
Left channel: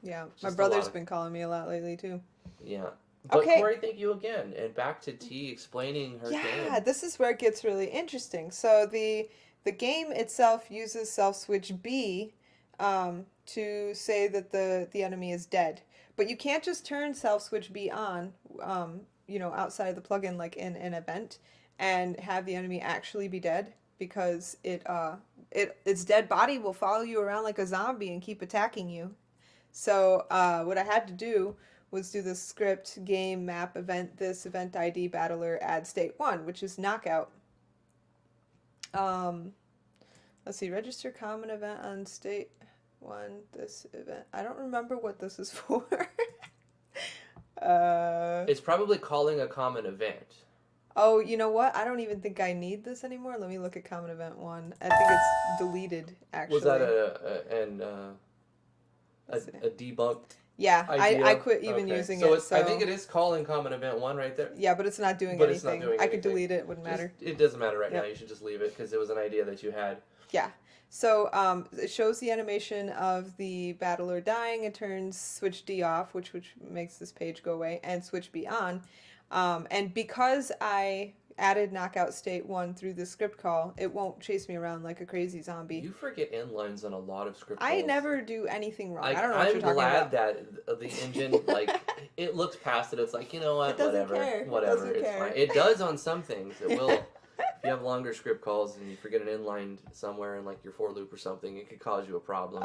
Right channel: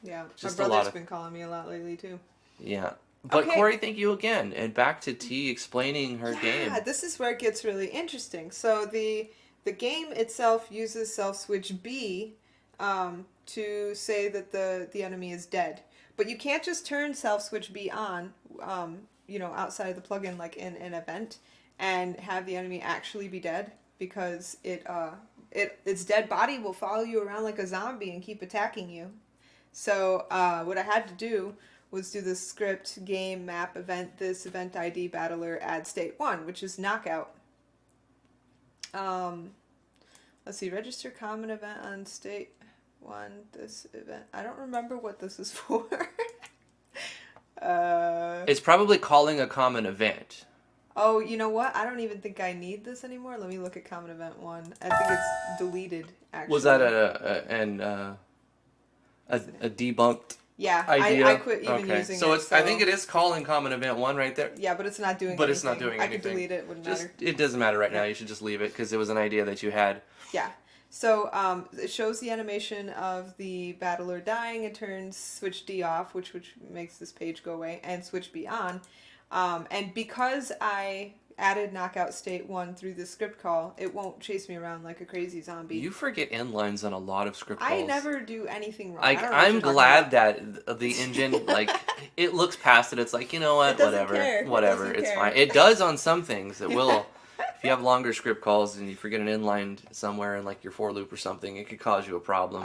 Yeah, my brother's been calling me a lot lately too. Yeah. But Corey, thank you again. And back to T explaining her game. Yeah, this is where it gets really interesting. So the game itself uses self switch B to say that the enemy is dead. But you can't just turn self switch B on, outside of the plugin, like in an event, and have the enemy actually be dead, because its dead body will follow you around like a zombie and keep attacking you. So what I had to do was do the script game map event this event ID battler add state 1, which is knockout. Let's see, register common event on state 1, this event. I don't remember what this is for. It's probably calling a common event. Oh, you know what? I don't even think I need this anymore. Let me look at common event 1. I think it's deleted, actually. Was that a debunked idea? I quit even using so it. I think it is calling common event 1 right there. Yeah, but it's not doing anything. But it's not doing anything. I could delete it. It wouldn't matter. It doesn't matter right now. You should just leave it because it was an idea that you had. Yeah. So it shows the animation of the battler dying. It turns switch D off, which makes this page go away, and switch B on. And because I added knockout state 1 through the script call, it won't chase me around like a crazy zombie. You forget end lines on a lot of script calls. I never do anything wrong. I'm glad that the engine, it looks past it. It's like, you know what, whatever, it's fine. It does on some things. It will. If you have longer script calls and you forget an inline somewhere in like your for loop or something, it could cause you a problem.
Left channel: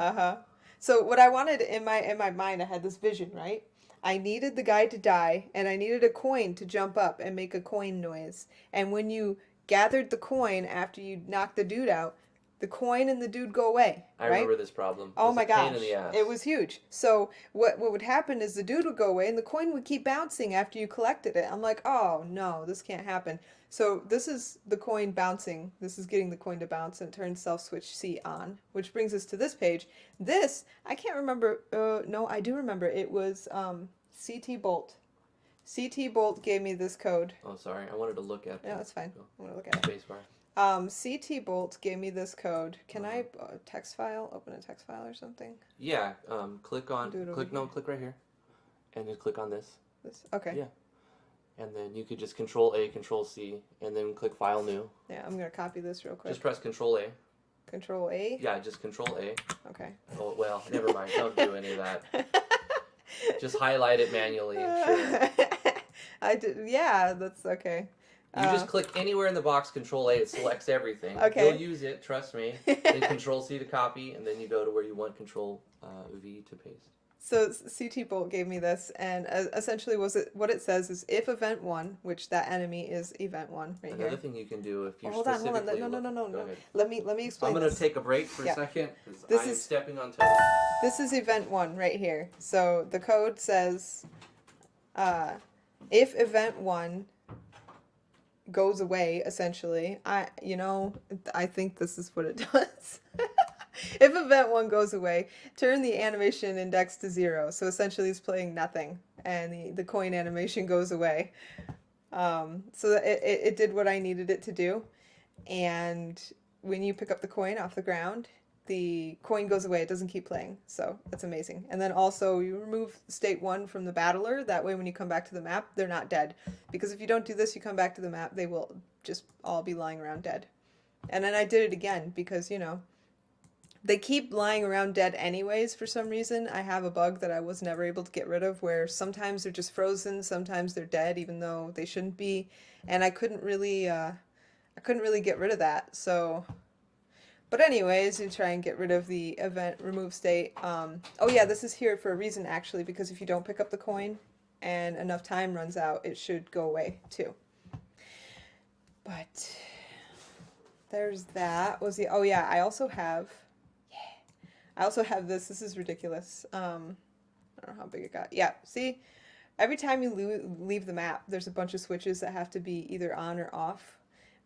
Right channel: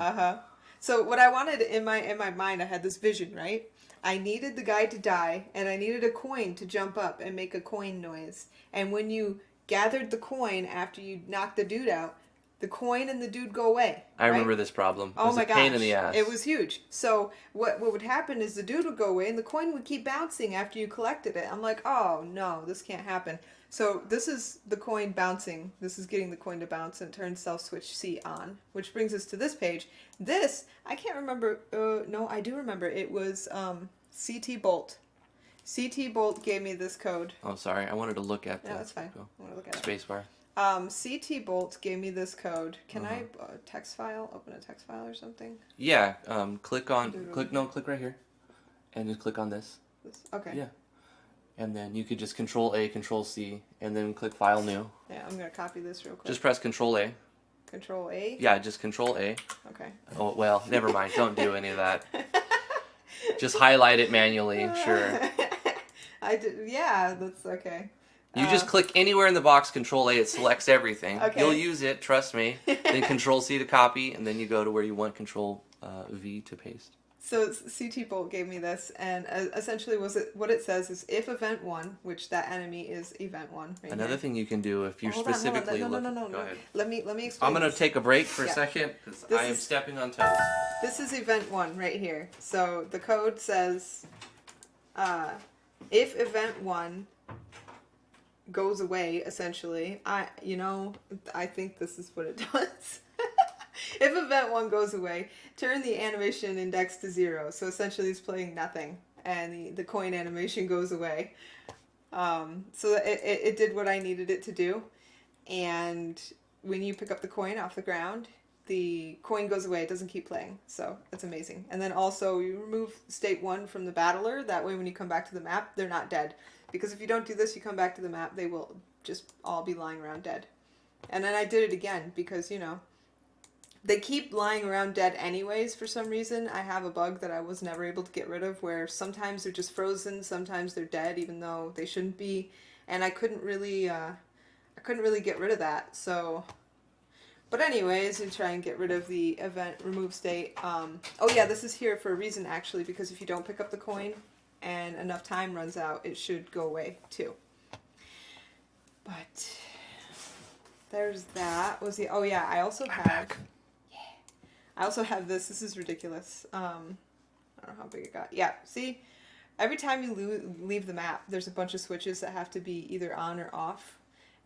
So what I wanted in my mind, I had this vision, right? I needed the guy to die, and I needed a coin to jump up and make a coin noise. And when you gathered the coin after you knocked the dude out, the coin and the dude go away. I remember this problem. Oh my gosh. Pain in the ass. It was huge. So what would happen is the dude would go away, and the coin would keep bouncing after you collected it. I'm like, oh no, this can't happen. So this is the coin bouncing. This is getting the coin to bounce and turn self switch C on, which brings us to this page. This, I can't remember. No, I do remember. It was CT Bolt. CT Bolt gave me this code. Oh, sorry. I wanted to look at No, that's fine. I want to look at spacebar. CT Bolt gave me this code. Can I text file? Open a text file or something? Yeah. Click right here, and just click on this. Okay. Yeah. And then you could just Control A, Control C, and then click File New. Yeah, I'm gonna copy this real quick. Just press Control A. Control A. Yeah, just Control A. Okay. Oh well, never mind. Don't do any of that. Just highlight it manually. Sure. I did. Yeah, that's okay. You just click anywhere in the box, Control A, it selects everything. Okay. You'll use it, trust me. Then Control C to copy, and then you go to where you want Control V to paste. So CT Bolt gave me this, and essentially what it says is if event 1, which that enemy is event 1. Right Another here. thing you can do if you're No, specifically no. Go ahead. Let me explain. I'm going to take a break for a second because I am stepping on toes. This is event 1 right here. So the code says if event 1 goes away, essentially, I think this is what it does. If event 1 goes away, turn the animation index to 0. So essentially it's playing nothing, and the coin animation goes away. So it did what I needed it to do. And when you pick up the coin off the ground, the coin goes away. It doesn't keep playing. So it's amazing. And then also you remove state 1 from the battler. That way when you come back to the map, they're not dead. Because if you don't do this, you come back to the map, they will just all be lying around dead. And then I did it again because, they keep lying around dead anyways for some reason. I have a bug that I was never able to get rid of where sometimes they're just frozen, sometimes they're dead even though they shouldn't be. And I couldn't really get rid of that. So, but anyways, you try and get rid of the event remove state. Oh yeah, this is here for a reason actually, because if you don't pick up the coin and enough time runs out, it should go away too. But there's that. Oh yeah, I also have this. This is ridiculous. I don't know how big it got. Yeah, see? Every time you leave the map, there's a bunch of switches that have to be either on or off.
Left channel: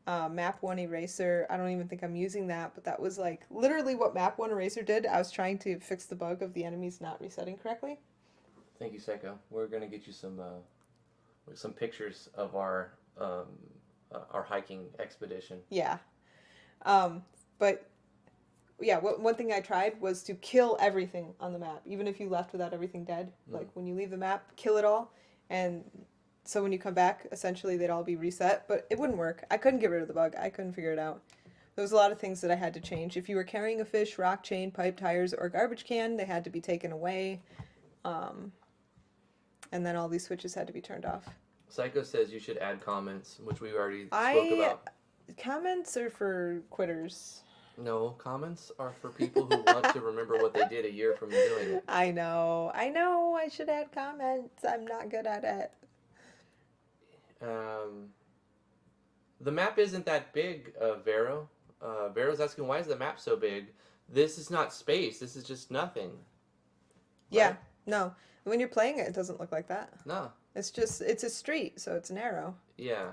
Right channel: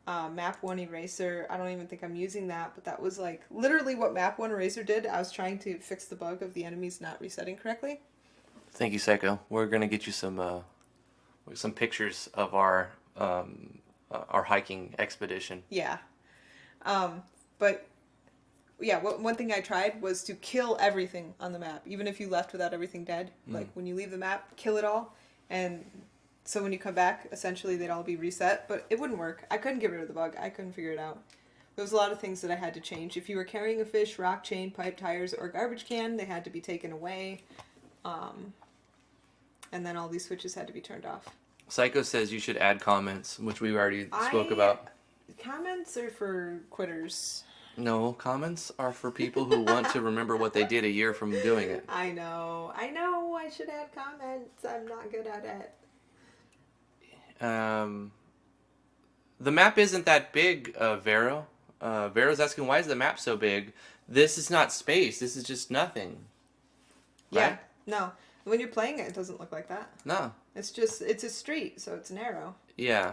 Map 1 Eraser, I don't even think I'm using that, but that was like literally what Map 1 Eraser did. I was trying to fix the bug of the enemies not resetting correctly. Thank you, Psycho. We're going to get you some pictures of our hiking expedition. Yeah. But yeah, one thing I tried was to kill everything on the map, even if you left without everything dead. Like, when you leave the map, kill it all, and so when you come back, essentially they'd all be reset, but it wouldn't work. I couldn't get rid of the bug. I couldn't figure it out. There was a lot of things that I had to change. If you were carrying a fish, rock, chain, pipe, tires, or garbage can, they had to be taken away, and then all these switches had to be turned off. Psycho says you should add comments, which we already spoke about. Comments are for quitters. No, comments are for people who want to remember what they did a year from doing it. I know. I should add comments. I'm not good at it. The map isn't that big, Vero. Vero's asking, why is the map so big? This is not space. This is just nothing. Yeah. Right? No. When you're playing it, it doesn't look like that. No. It's a street, so it's narrow. Yeah.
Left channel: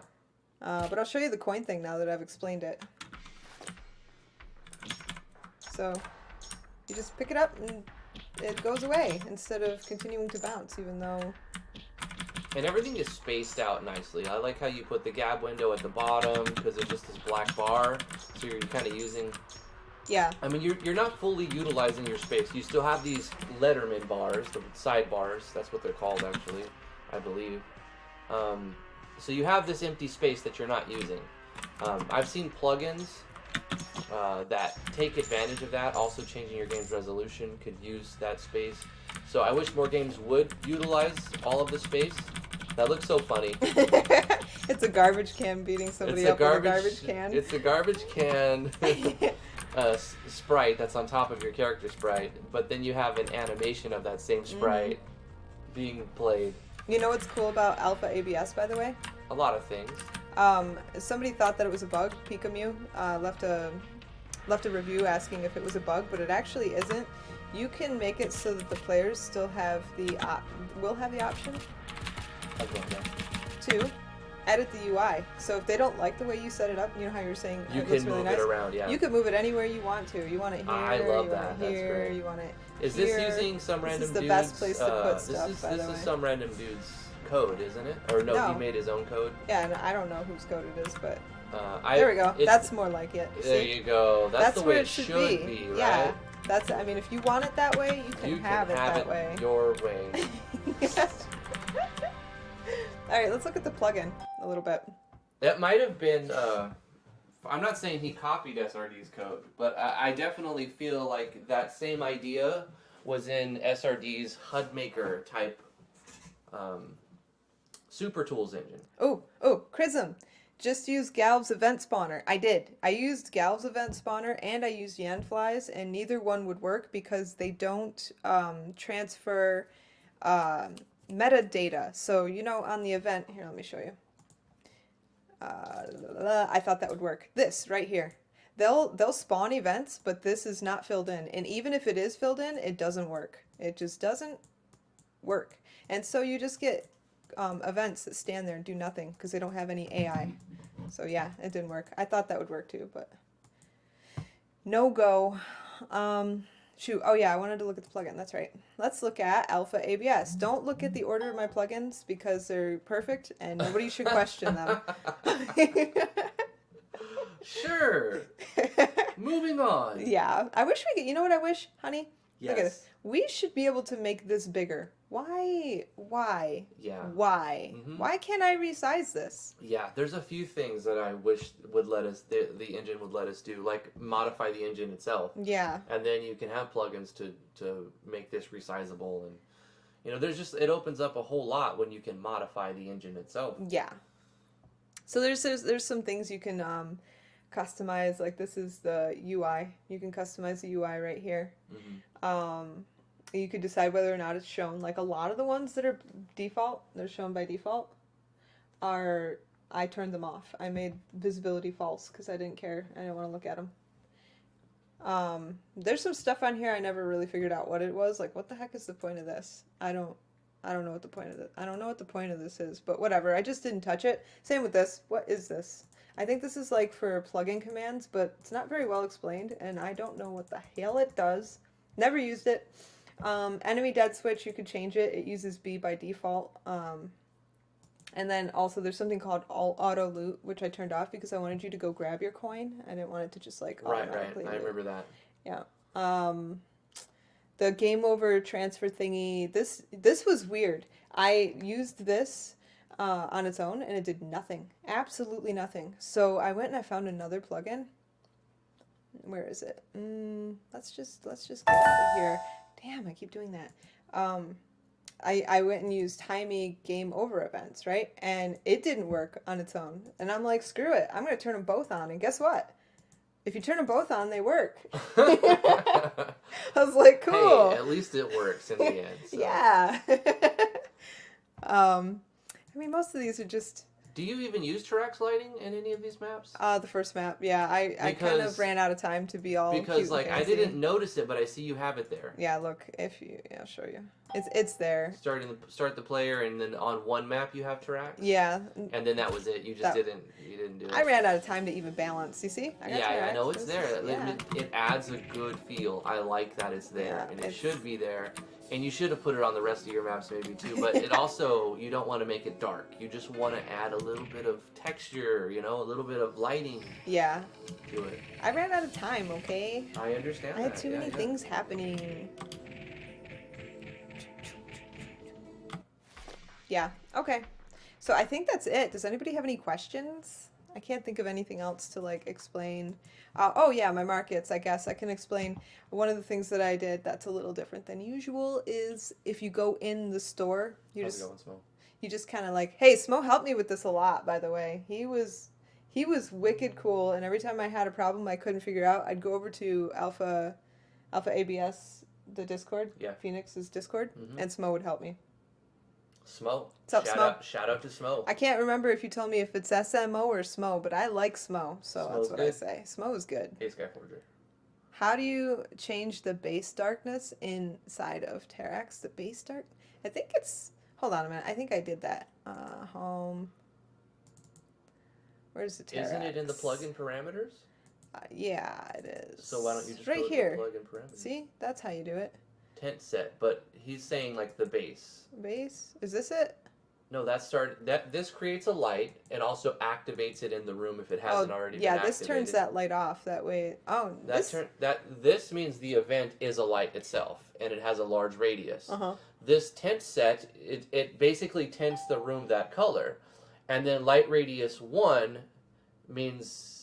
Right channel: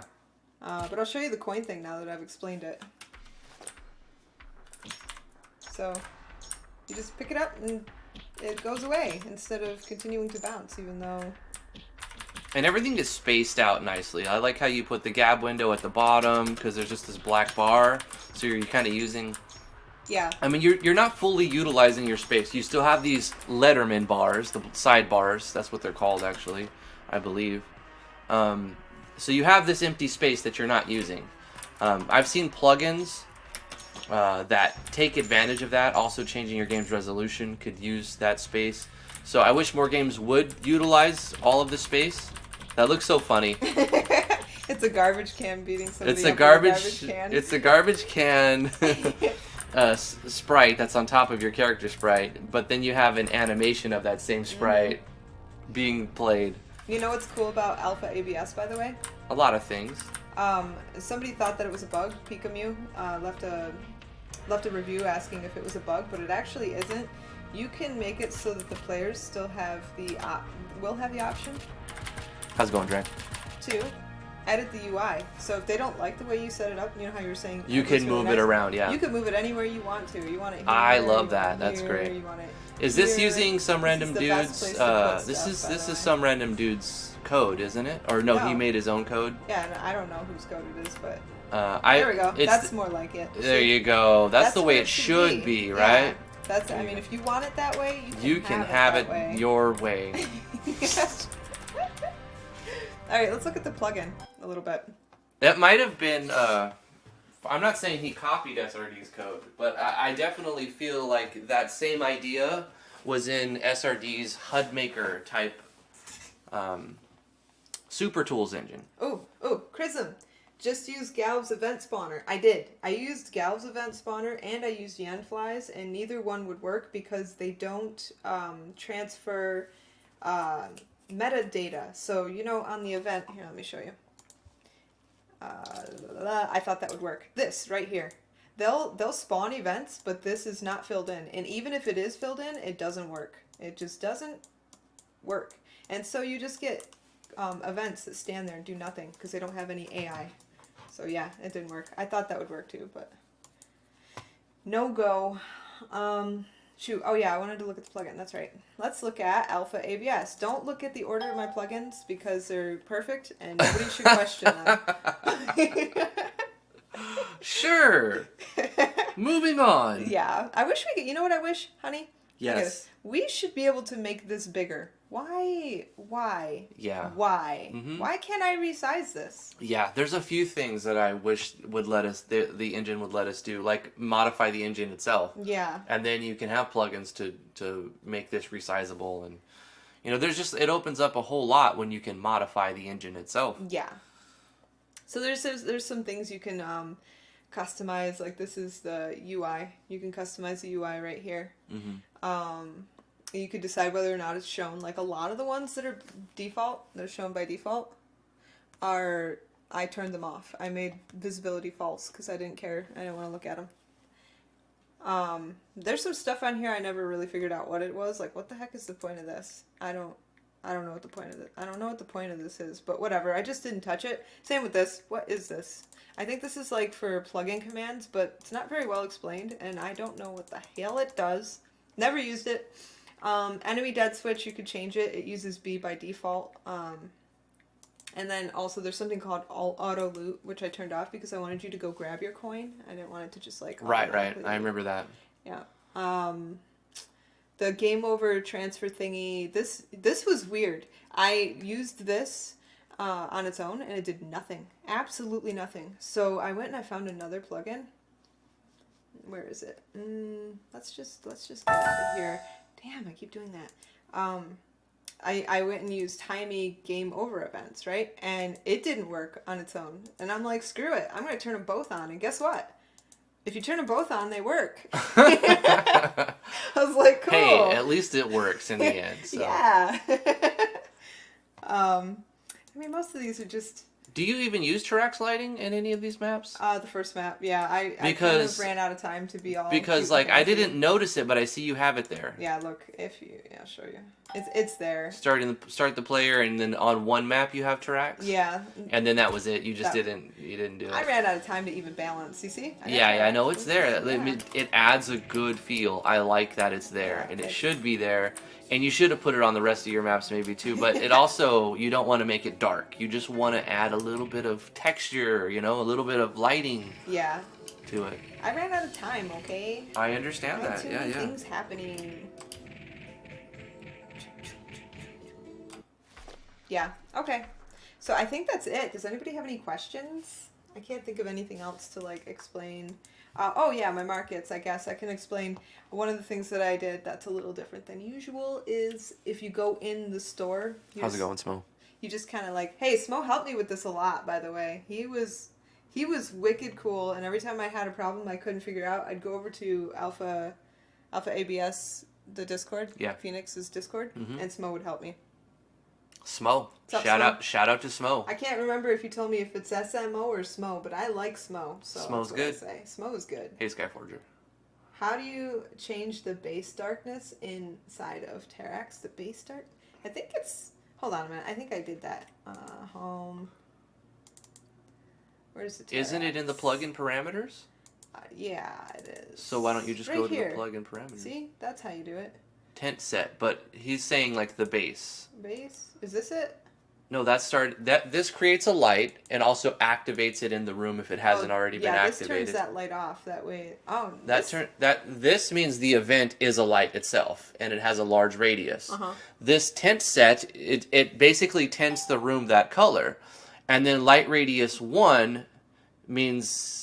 But I'll show you the coin thing now that I've explained it. So, you just pick it up and it goes away instead of continuing to bounce, even though... And everything is spaced out nicely. I like how you put the gab window at the bottom because there's just this black bar. So you're kind of using... Yeah. I mean, you're not fully utilizing your space. You still have these Letterman bars, the side bars. That's what they're called, actually, I believe. So you have this empty space that you're not using. I've seen plugins that take advantage of that. Also, changing your game's resolution could use that space. So I wish more games would utilize all of the space. That looks so funny. It's a garbage can beating somebody It's up a garbage. with a garbage can. It's a garbage can. Sprite that's on top of your character sprite, but then you have an animation of that same sprite being played. You know what's cool about alpha ABS, by the way? A lot of things. Somebody thought that it was a bug. Pikamu left a review asking if it was a bug, but it actually isn't. You can make it so that the players still have will have the option. How's it going, Dre? To edit the UI. So if they don't like the way you set it up, you know how you're saying you can move it around, yeah. You can move it anywhere you want to. You want it here. I love that. That's great. You want it Is this here. using some random dude's? This is some random dude's code, isn't it? Or no, he made his own code. Yeah, I don't know whose code it is, but there we go. That's more like it. There you go. That's the way it should be, right? Yeah. That's. I mean, if you want it that way, you can have it your way. All right, let's look at the plugin a little bit. That might have been. I'm not saying he copied SRD's code, but I definitely feel like that same idea was in SRD's HUD Maker type Super Tools engine. Oh, Chrism. Just use Galv's event spawner. I did. I used Galv's event spawner and I used Yanflies, and neither one would work because they don't transfer metadata. So, you know, on the event, here, let me show you. I thought that would work. This right here. They'll spawn events, but this is not filled in. And even if it is filled in, it doesn't work. It just doesn't work. And so you just get events that stand there and do nothing because they don't have any AI. So yeah, it didn't work. I thought that would work too, but no go. Shoot. Oh yeah, I wanted to look at the plugin. That's right. Let's look at Alpha ABS. Don't look at the order of my plugins because they're perfect and nobody should question them. Sure. Moving on. Yeah. I wish we could. You know what I wish, honey? Yes. We should be able to make this bigger. Why? Yeah. Why? Mm-hmm. Why can't I resize this? Yeah, there's a few things that I wish would let us, the engine would let us do, like modify the engine itself. Yeah. And then you can have plugins to make this resizable, and you know, it opens up a whole lot when you can modify the engine itself. Yeah. So there's some things you can customize. Like this is the UI. You can customize the UI right here. Mm-hmm. You can decide whether or not it's shown. Like a lot of the ones that are shown by default, I turned them off. I made visibility false because I didn't care. I didn't want to look at them. There's some stuff on here I never really figured out what it was. Like, what the heck is the point of this? I don't know what the point of it. I don't know what the point of this is. But whatever. I just didn't touch it. Same with this. What is this? I think this is like for plugin commands, but it's not very well explained, and I don't know what the hell it does. Never used it. Enemy dead switch, you could change it. It uses B by default. And then also there's something called auto loot, which I turned off because I wanted you to go grab your coin. I didn't want it to just like right. I remember that. Yeah. The game over transfer thingy. This was weird. I used this on its own and it did nothing. Absolutely nothing. So I went and I found another plugin. Where is it? Let's just get out of here. Damn, I keep doing that. I went and used Timey game over events, right? And it didn't work on its own. And I'm like, screw it. I'm going to turn them both on. And guess what? If you turn them both on, they work. I was like, cool. Hey, at least it works in the end. So. Yeah. I mean, most of these are just Do you even use Tirax lighting in any of these maps? The first map, yeah. I kind of ran out of time to be all. Because like I didn't notice it, but I see you have it there. Yeah, look, I'll show you. It's there. Start the player, and then on one map you have Tirax. Yeah. And then that was it. You just didn't do it. I ran out of time to even balance. You see? I know it's there. Yeah. It adds a good feel. I like that it's there, and it should be there. And you should have put it on the rest of your maps maybe too, but it also, you don't want to make it dark. You just want to add a little bit of texture, a little bit of lighting to it. I ran out of time, okay? I understand that, too many things happening. Yeah, okay. So I think that's it. Does anybody have any questions? I can't think of anything else to, like, explain. Oh, yeah, my markets, I guess. I can explain. One of the things that I did that's a little different than usual is if you go in the store... How's it going, Smo? You just kind of like... Hey, Smo helped me with this a lot, by the way. He was wicked cool, and every time I had a problem I couldn't figure out, I'd go over to Alpha ABS, the Discord. Yeah. Phoenix's Discord, and Smo would help me. Smo. Shout out to Smo. I can't remember if you told me if it's SMO or Smo, but I like Smo, so Smo's that's what good. I say. Smo is good. Hey, Skyforger. How do you change the base darkness inside of Tirax? The base dark? I think it's... Hold on a minute. I think I did that. Home. Where's the Tirax? Isn't it in the plugin parameters? Yeah, it is. So why don't you just go to the plugin parameters? See? That's how you do it. Tent set, but he's saying like the base. Base? Is this it? No, this creates a light and also activates it in the room if it hasn't already been activated. Yeah, this turns that light off that way. Oh, this means the event is a light itself and it has a large radius. This tent set, it basically tints the room that color, and then light radius 1 means.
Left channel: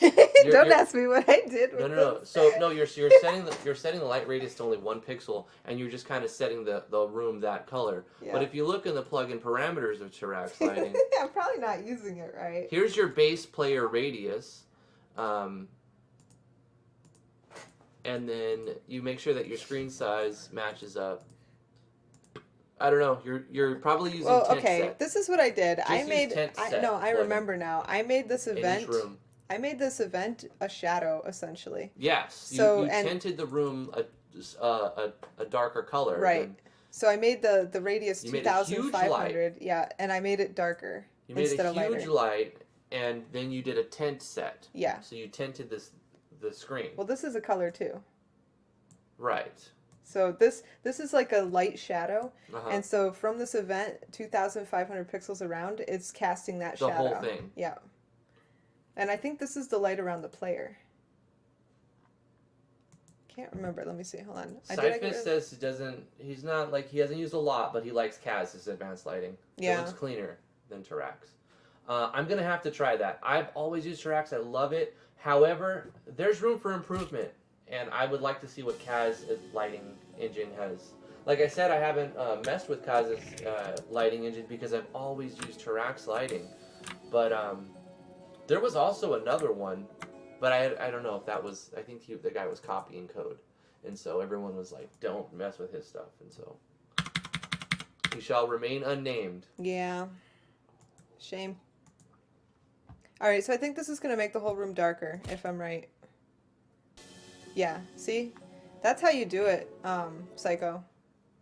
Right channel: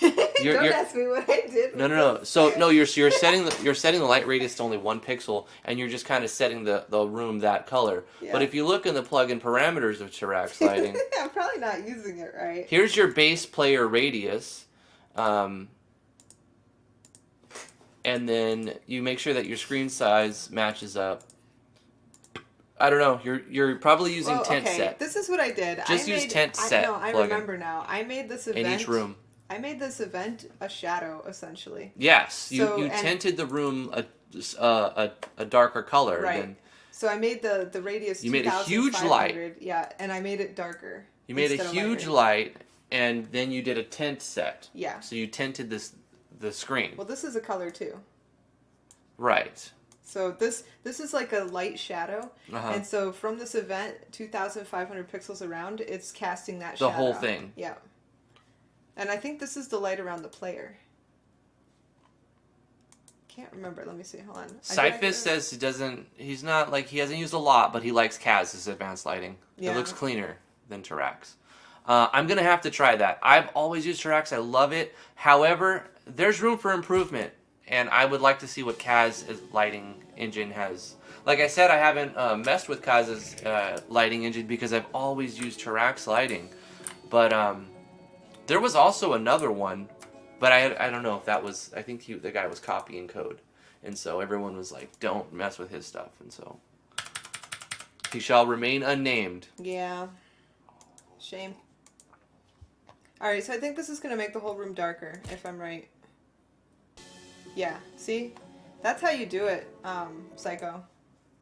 Don't ask me what I did. No. So no, you're setting the light radius to only 1 pixel, and you're just kind of setting the room that color. Yeah. But if you look in the plugin parameters of Tirax lighting, I'm probably not using it right. Here's your base player radius, and then you make sure that your screen size matches up. I don't know. You're probably using tent set. This is what I did. Use tent set. I remember now. I made this event in each room. I made this event a shadow, essentially. Yes, you tinted the room a darker color. Right. So I made the radius. You made a huge light. Yeah, and I made it darker. You made a huge light, and then you did a tint set. Yeah. So you tinted the screen. Well, this is a color too. Right. So this is like a light shadow, and so from this event, 2,500 pixels around, it's casting that shadow. The whole thing. Yeah. And I think this is the light around the player. Can't remember. Let me see. Hold on. Cyphus says he hasn't used a lot, but he likes Kaz's advanced lighting. Yeah. It looks cleaner than Tirax. I'm going to have to try that. I've always used Tirax. I love it. However, there's room for improvement, and I would like to see what Kaz's lighting engine has. Like I said, I haven't messed with Kaz's lighting engine because I've always used Tirax lighting. But there was also another one, but I don't know if that was... I think the guy was copying code. And so everyone was like, don't mess with his stuff. And so he shall remain unnamed. Yeah. Shame. Alright, so I think this is going to make the whole room darker, if I'm right. Yeah, see? That's how you do it, Psycho.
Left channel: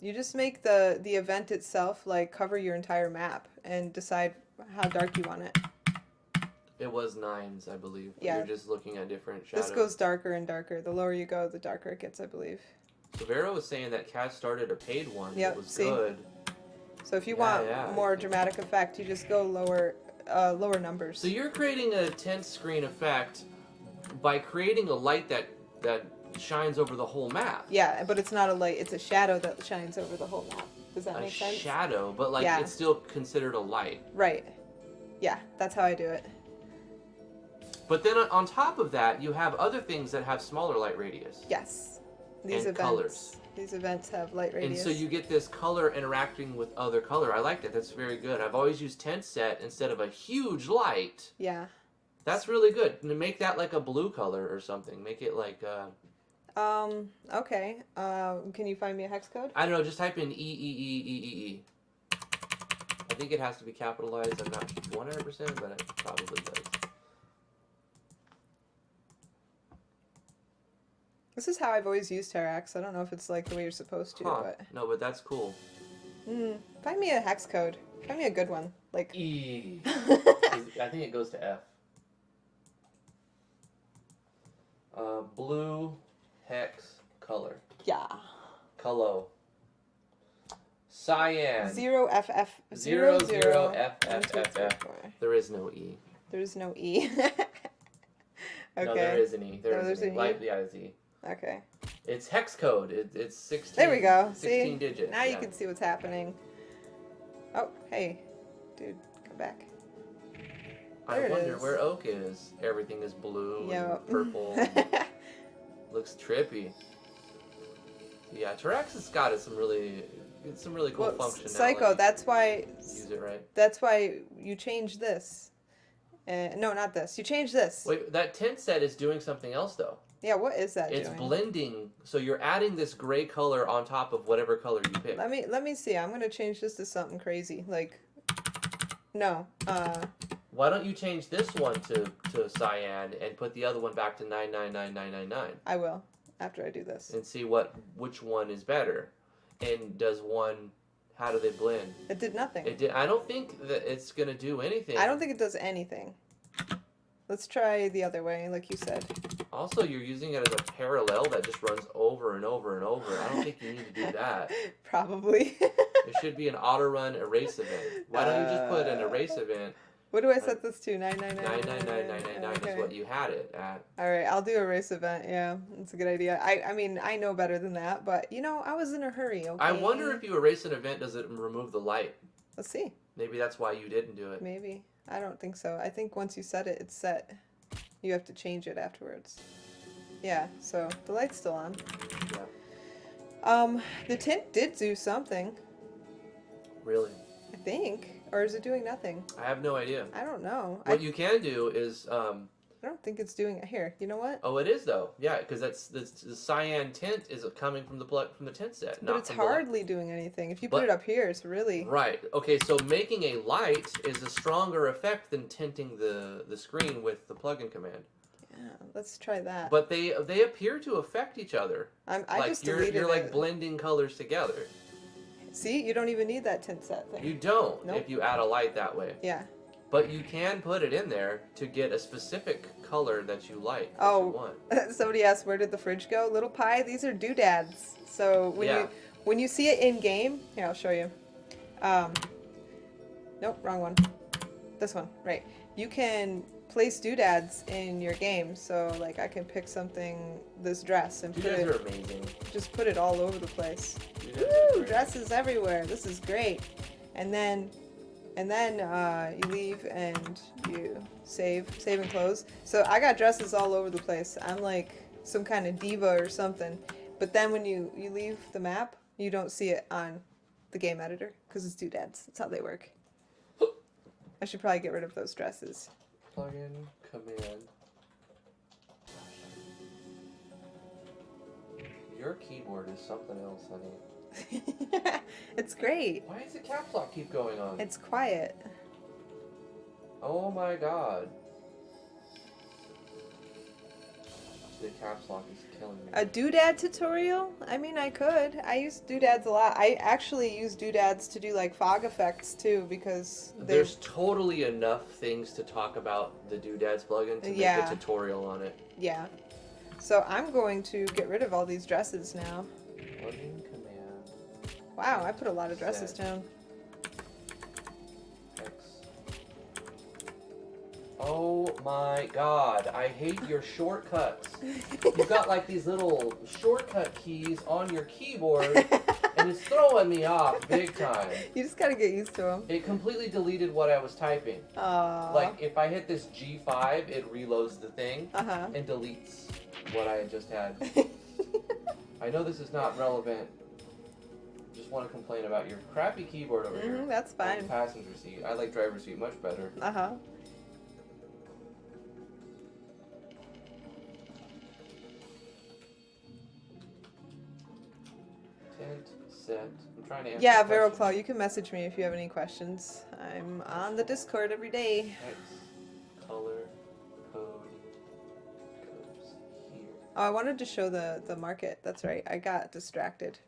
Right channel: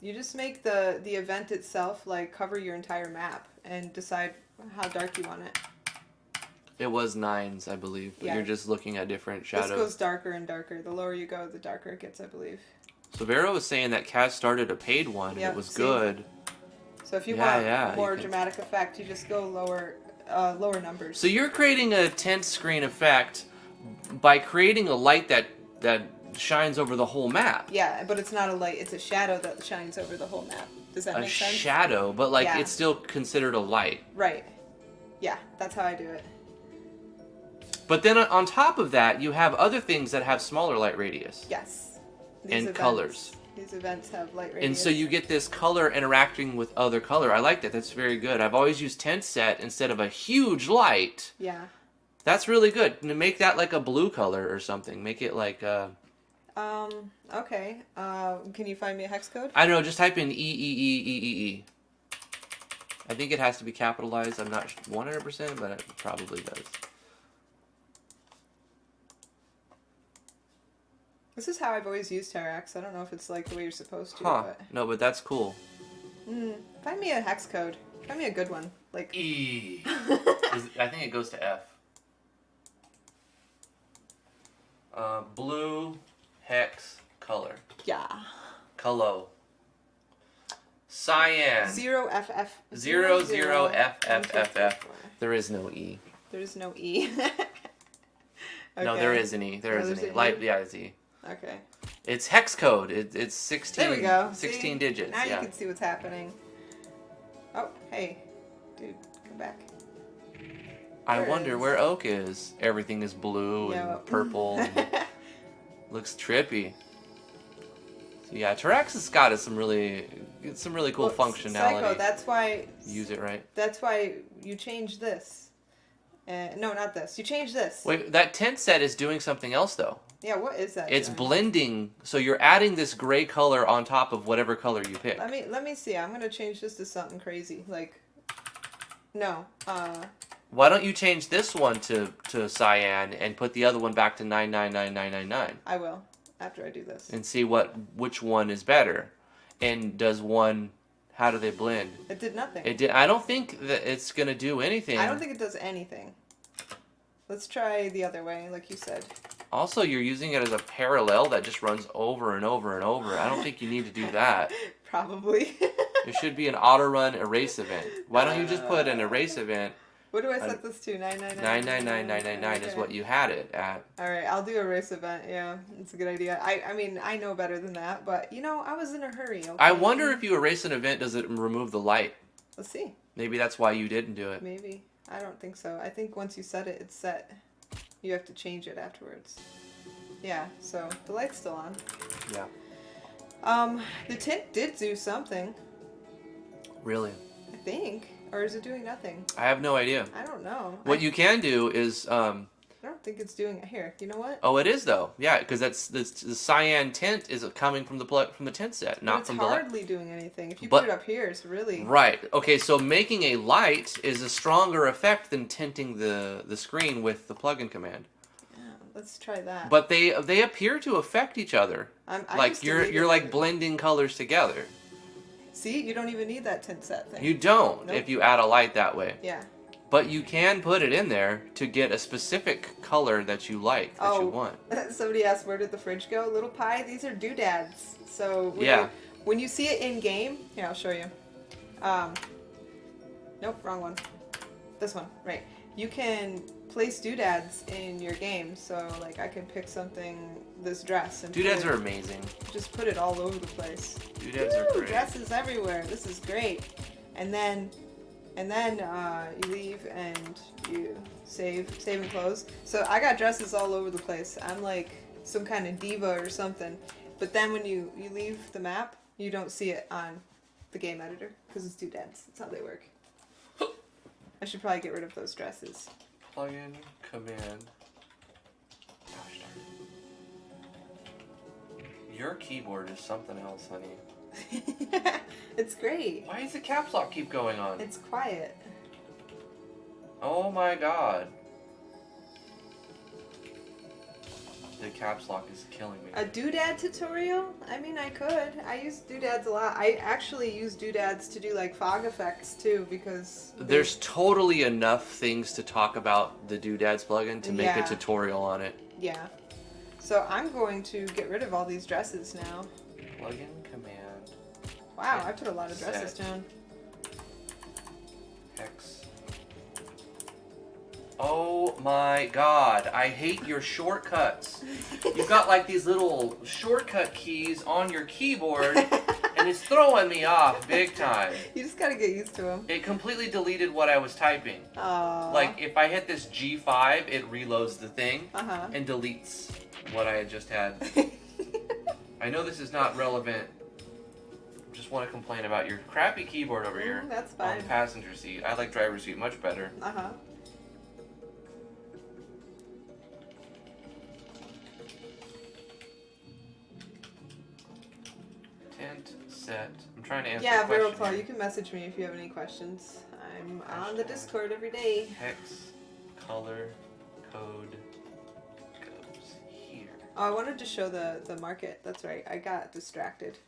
You just make the event itself, like, cover your entire map and decide how dark you want it. It was 9s, I believe. But you're just looking at different shadows. This goes darker and darker. The lower you go, the darker it gets, I believe. So Vero was saying that Kaz started a paid one. Yep, it was good. So if you want more dramatic effect, you just go lower numbers. So you're creating a tent screen effect by creating a light that shines over the whole map. Yeah, but it's not a light. It's a shadow that shines over the whole map. Does that make sense? A shadow, but it's still considered a light. Right. Yeah, that's how I do it. But then on top of that, you have other things that have smaller light radius. Yes. And colors. These events have light radius. And so you get this color interacting with other color. I like that. That's very good. I've always used tent set instead of a huge light. Yeah. That's really good. Make that like a blue color or something. Make it like okay. Can you find me a hex code? I don't know. Just type in EEEEEE. I think it has to be capitalized. I'm not 100%, but it probably does. This is how I've always used Terrax. I don't know if it's like the way you're supposed to, Huh. but... No, but that's cool. Find me a hex code. Find me a good one. Like E. I think it goes to F. Blue, hex, color. Yeah. Color. Cyan. 0FF. 00FFFF. There is no E. There is no E. Okay. No, there is an E. There is an E. Light, yeah, it's E. Okay. It's hex code. It's 16. There we go. 16 see? digits. Now you can see what's happening. Oh, hey. Dude, come back. I wonder where oak is. Everything is blue and purple. And looks trippy. So yeah, Terrax has got some really cool functionality. Psycho, that's why... Use it right. That's why you change this. No, not this. You change this. Wait, that tent set is doing something else though. Yeah, what is that? It's doing? blending, so you're adding this gray color on top of whatever color you pick. Let me see. I'm gonna change this to something crazy. Like, no. Why don't you change this one to cyan and put the other one back to 999999? I will after I do this. And see which one is better, and does one? How do they blend? It did nothing. It did. I don't think that it's gonna do anything. I don't think it does anything. Let's try the other way, like you said. Also, you're using it as a parallel that just runs over and over and over. I don't think you need to do that. Probably. There should be an auto-run erase event. Why don't you just put an erase event? What do I set this to? 999999 is what you had it at. Alright, I'll do a race event. Yeah, that's a good idea. I mean, I know better than that, but, you know, I was in a hurry, okay? I wonder if you erase an event, does it remove the light? Let's see. Maybe that's why you didn't do it. Maybe. I don't think so. I think once you set it, it's set. You have to change it afterwards. Yeah, so the light's still on. Yeah. The tint did do something. Really? I think. Or is it doing nothing? I have no idea. I don't know. What you can do is... I don't think it's doing it here. You know what? Oh, it is though. Yeah, because the cyan tint is coming from the tint set, not from the light. It's hardly doing anything. If you put it up here, it's really... Right. Okay, so making a light is a stronger effect than tinting the screen with the plugin command. Yeah, let's try that. But they appear to affect each other. Like you're like blending colors together. See, you don't even need that tint set thing. You don't if you add a light that way. Yeah. But you can put it in there to get a specific color that you like, that you want. Somebody asked, where did the fridge go? Little Pie, these are doodads. So when you see it in game, here, I'll show you. Nope, wrong one. This one, right. You can place doodads in your game. So, like, I can pick something, this dress. And Doodads are amazing. Just put it all over the place. Doodads are great. Dresses everywhere. This is great. And then you leave and you save and close. So I got dresses all over the place. I'm like some kind of diva or something. But then when you leave the map, you don't see it on the game editor because it's doodads. That's how they work. I should probably get rid of those dresses. Plugin command. Your keyboard is something else, honey. It's great. Why does the caps lock keep going on? It's quiet. Oh my god. The caps lock is killing me. A doodad tutorial? I mean, I could. I use doodads a lot. I actually use doodads to do like fog effects too because... There's totally enough things to talk about the doodads plugin to make a tutorial on it. Yeah. So I'm going to get rid of all these dresses now. Plugin command. Wow, I put a lot of dresses down. X. Oh my god, I hate your shortcuts. You've got like these little shortcut keys on your keyboard, and it's throwing me off big time. You just gotta get used to them. It completely deleted what I was typing. Like if I hit this G5, it reloads the thing and deletes what I had just had. I know this is not relevant. Just want to complain about your crappy keyboard over here. That's fine. On the passenger seat. I like driver's seat much better. Tint set I'm trying to answer. Yeah, Vero Claw, you can message me if you have any questions. I'm on the Discord every day. Hex, color, code goes here. Oh, I wanted to show the market. That's right. I got distracted.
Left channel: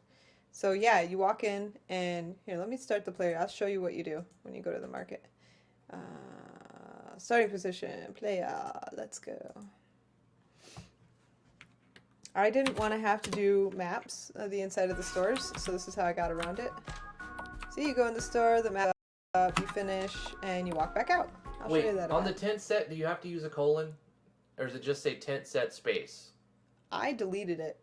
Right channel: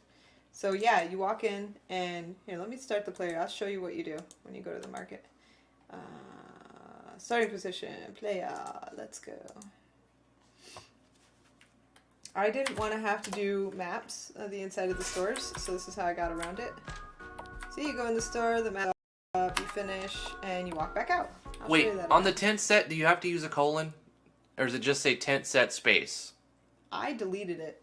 So yeah, you walk in and here, let me start the player. I'll show you what you do when you go to the market. Starting position, player, let's go. I didn't want to have to do maps of the inside of the stores, so this is how I got around it. So you go in the store, the map up, you finish, and you walk back out. Wait, on the tent set, do you have to use a colon? Or does it just say tent set space? I deleted it.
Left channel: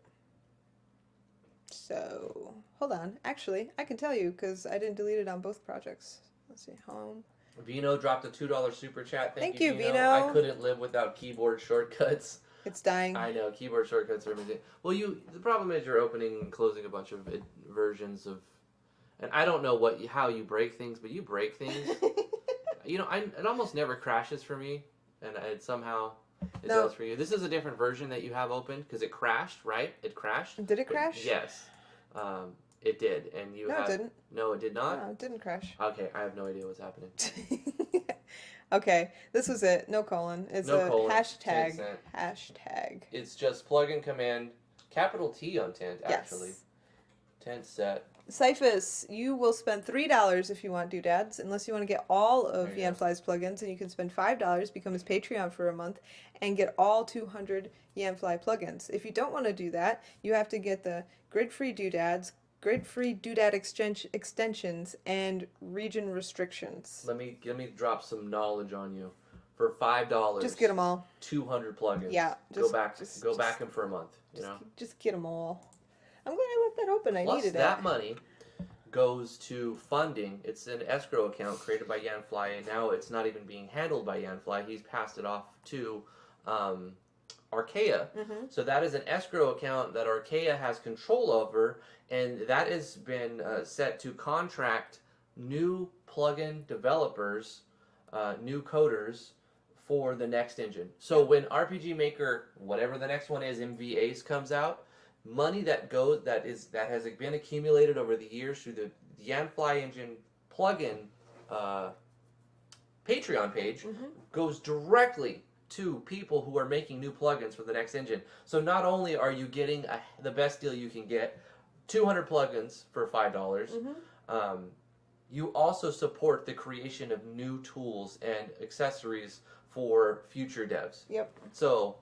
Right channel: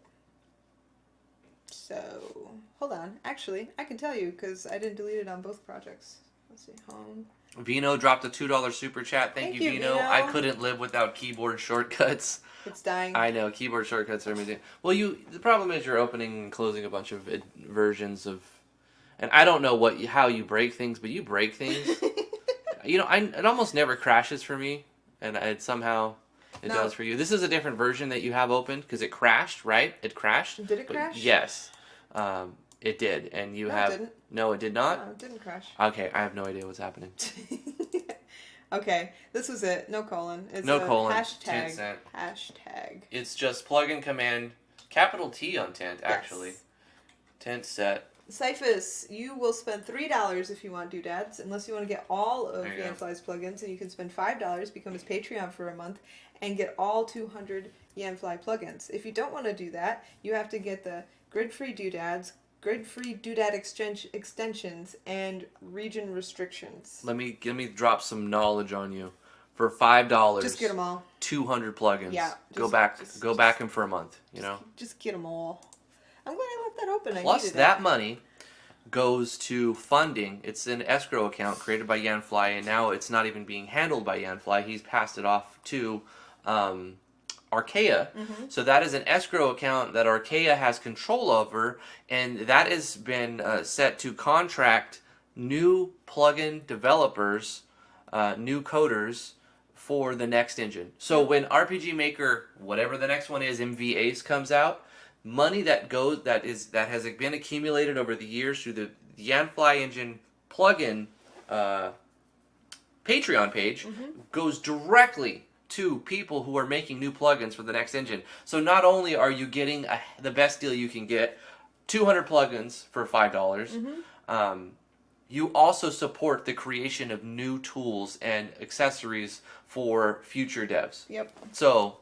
So, hold on. Actually, I can tell you, because I didn't delete it on both projects. Let's see, home. Vino dropped a $2 super chat. Thank you, Vino. I couldn't live without keyboard shortcuts. It's dying. I know, keyboard shortcuts are amazing. Well, the problem is you're opening and closing a bunch of versions of, and I don't know how you break things, but you break things. It almost never crashes for me, and somehow it does for you. This is a different version that you have opened because it crashed, right? It crashed. Did it crash? Yes. It did, and you have... It didn't. No, it did not? No, it didn't crash. Okay, I have no idea what's happening. Okay, this was it. No colon. It's no colon. Hashtag. Hashtag. It's just plugin command, capital T on tent, actually. Yes. Tent set. Cyphus, you will spend $3 if you want doodads, unless you want to get all of Yanfly's plugins, and you can spend $5, become his Patreon for a month, and get all 200 Yanfly plugins. If you don't want to do that, you have to get the grid-free doodads, grid-free doodad extensions, and region restrictions. Let me drop some knowledge on you. For $5, just get them all. 200 plugins. Yeah. Go back in for a month. Just get them all. I'm glad I left that open. Plus, that money goes to funding. It's an escrow account created by Yanfly, and now it's not even being handled by Yanfly. He's passed it off to Archaea. Mm-hmm. So that is an escrow account that Archaea has control over, and that has been set to contract new plugin developers, new coders, for the next engine. So when RPG Maker, whatever the next one is, MV Ace comes out, money that has been accumulated over the years through the Yanfly engine plugin Patreon page goes directly to people who are making new plugins for the next engine. So not only are you getting the best deal you can get, 200 plugins for $5, you also support the creation of new tools and accessories for future devs. Yep. So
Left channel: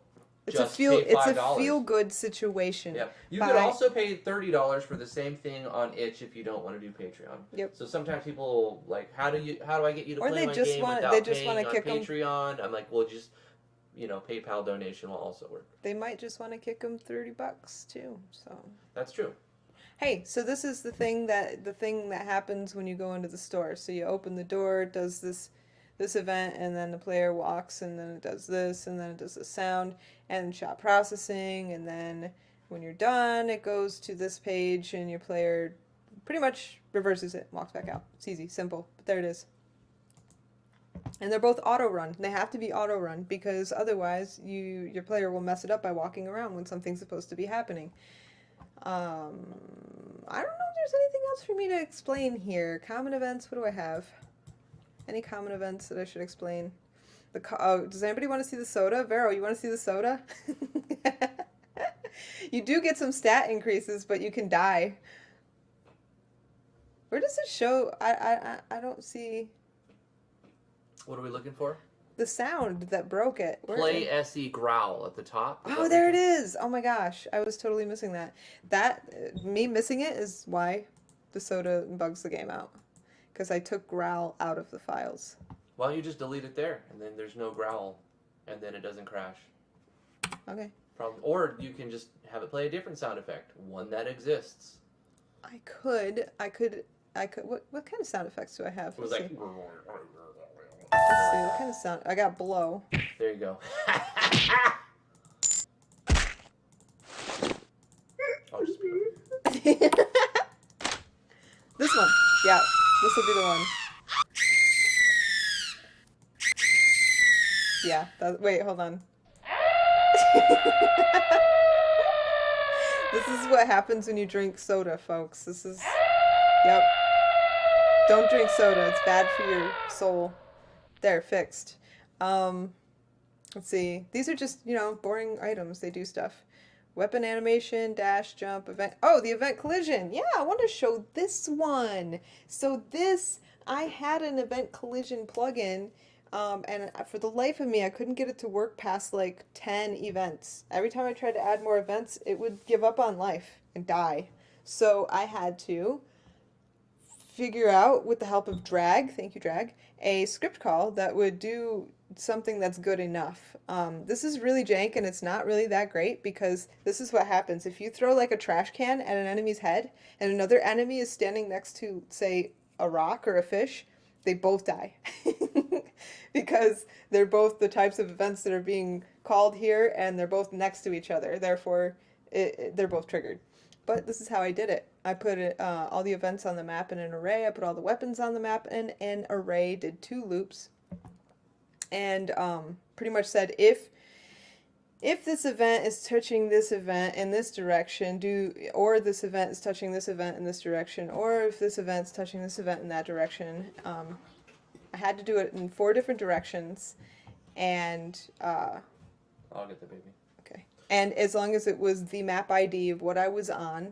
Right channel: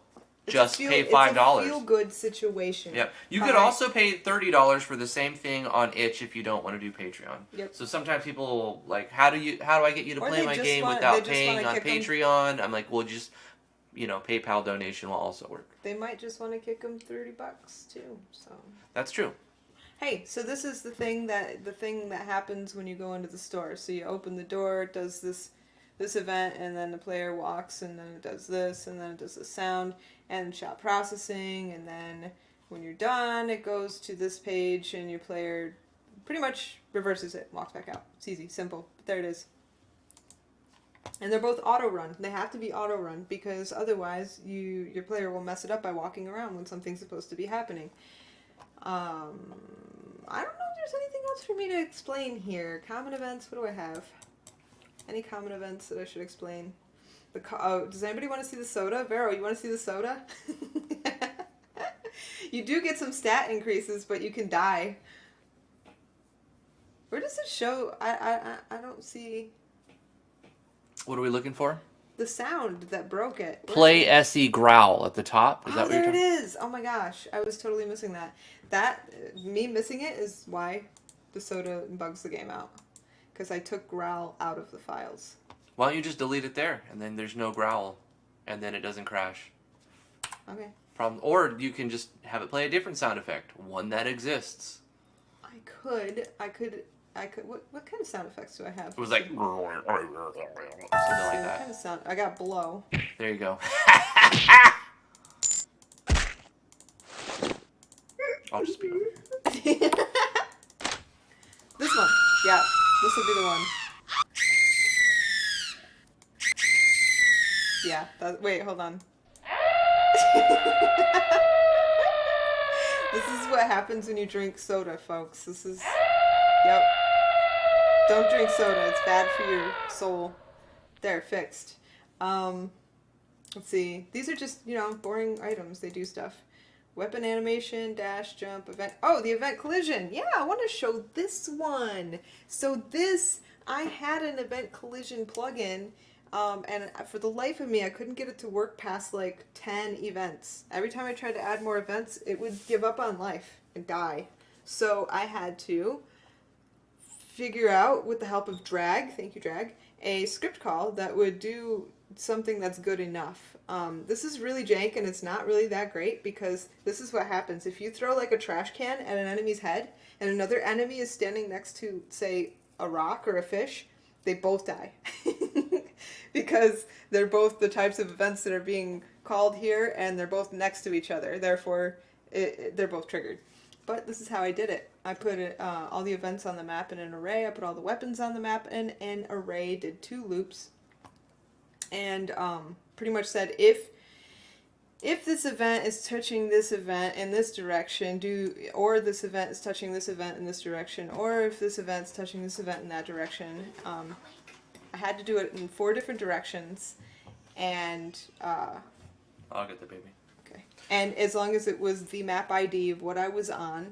just pay $5. It's a feel-good situation. Yep. You could also pay $30 for the same thing on itch if you don't want to do Patreon. Yep. So sometimes people like, how do I get you to play my game without paying on Patreon? I'm like, well, just PayPal donation will also work. They might just want to kick them $30 too. So that's true. Hey, so this is the thing that happens when you go into the store. So you open the door, it does this event, and then the player walks, and then it does this, and then it does the sound, and shot processing, and then when you're done, it goes to this page, and your player pretty much reverses it, walks back out. It's easy, simple, but there it is. And they're both auto-run. They have to be auto-run, because otherwise your player will mess it up by walking around when something's supposed to be happening. I don't know if there's anything else for me to explain here. Common events, what do I have? Any common events that I should explain? Does anybody want to see the soda? Vero, you want to see the soda? You do get some stat increases, but you can die. Where does it show? I don't see... What are we looking for? The sound that broke it. Play SE growl at the top. Oh, there it is. Oh my gosh. I was totally missing that. Me missing it is why the soda bugs the game out. Because I took growl out of the files. Why don't you just delete it there, and then there's no growl, and then it doesn't crash. Okay. Or you can just have it play a different sound effect, one that exists. I could. What kind of sound effects do I have? It was like... What kind of sound? I got blow. There you go. I'll just be... This one. Yeah, this will be the one. Yeah, wait, hold on. This is what happens when you drink soda, folks. This is Yep. Don't drink soda. It's bad for your soul. There, fixed. Um, let's see. These are just, boring items. They do stuff. Weapon animation, dash, jump, event. Oh, the event collision. Yeah, I want to show this one. So I had an event collision plugin, and for the life of me, I couldn't get it to work past like 10 events. Every time I tried to add more events, it would give up on life and die. So I had to figure out, with the help of Drag, thank you, Drag, a script call that would do something that's good enough. This is really jank and it's not really that great because this is what happens. If you throw like a trash can at an enemy's head and another enemy is standing next to, say, a rock or a fish, they both die. Because they're both the types of events that are being called here and they're both next to each other. Therefore, they're both triggered. But this is how I did it. I put all the events on the map in an array. I put all the weapons on the map in an array, did 2 loops, and pretty much said if this event is touching this event in this direction, or this event is touching this event in this direction, or if this event is touching this event in that direction. I had to do it in 4 different directions, and I'll get the baby. And as long as it was the map ID of what I was on,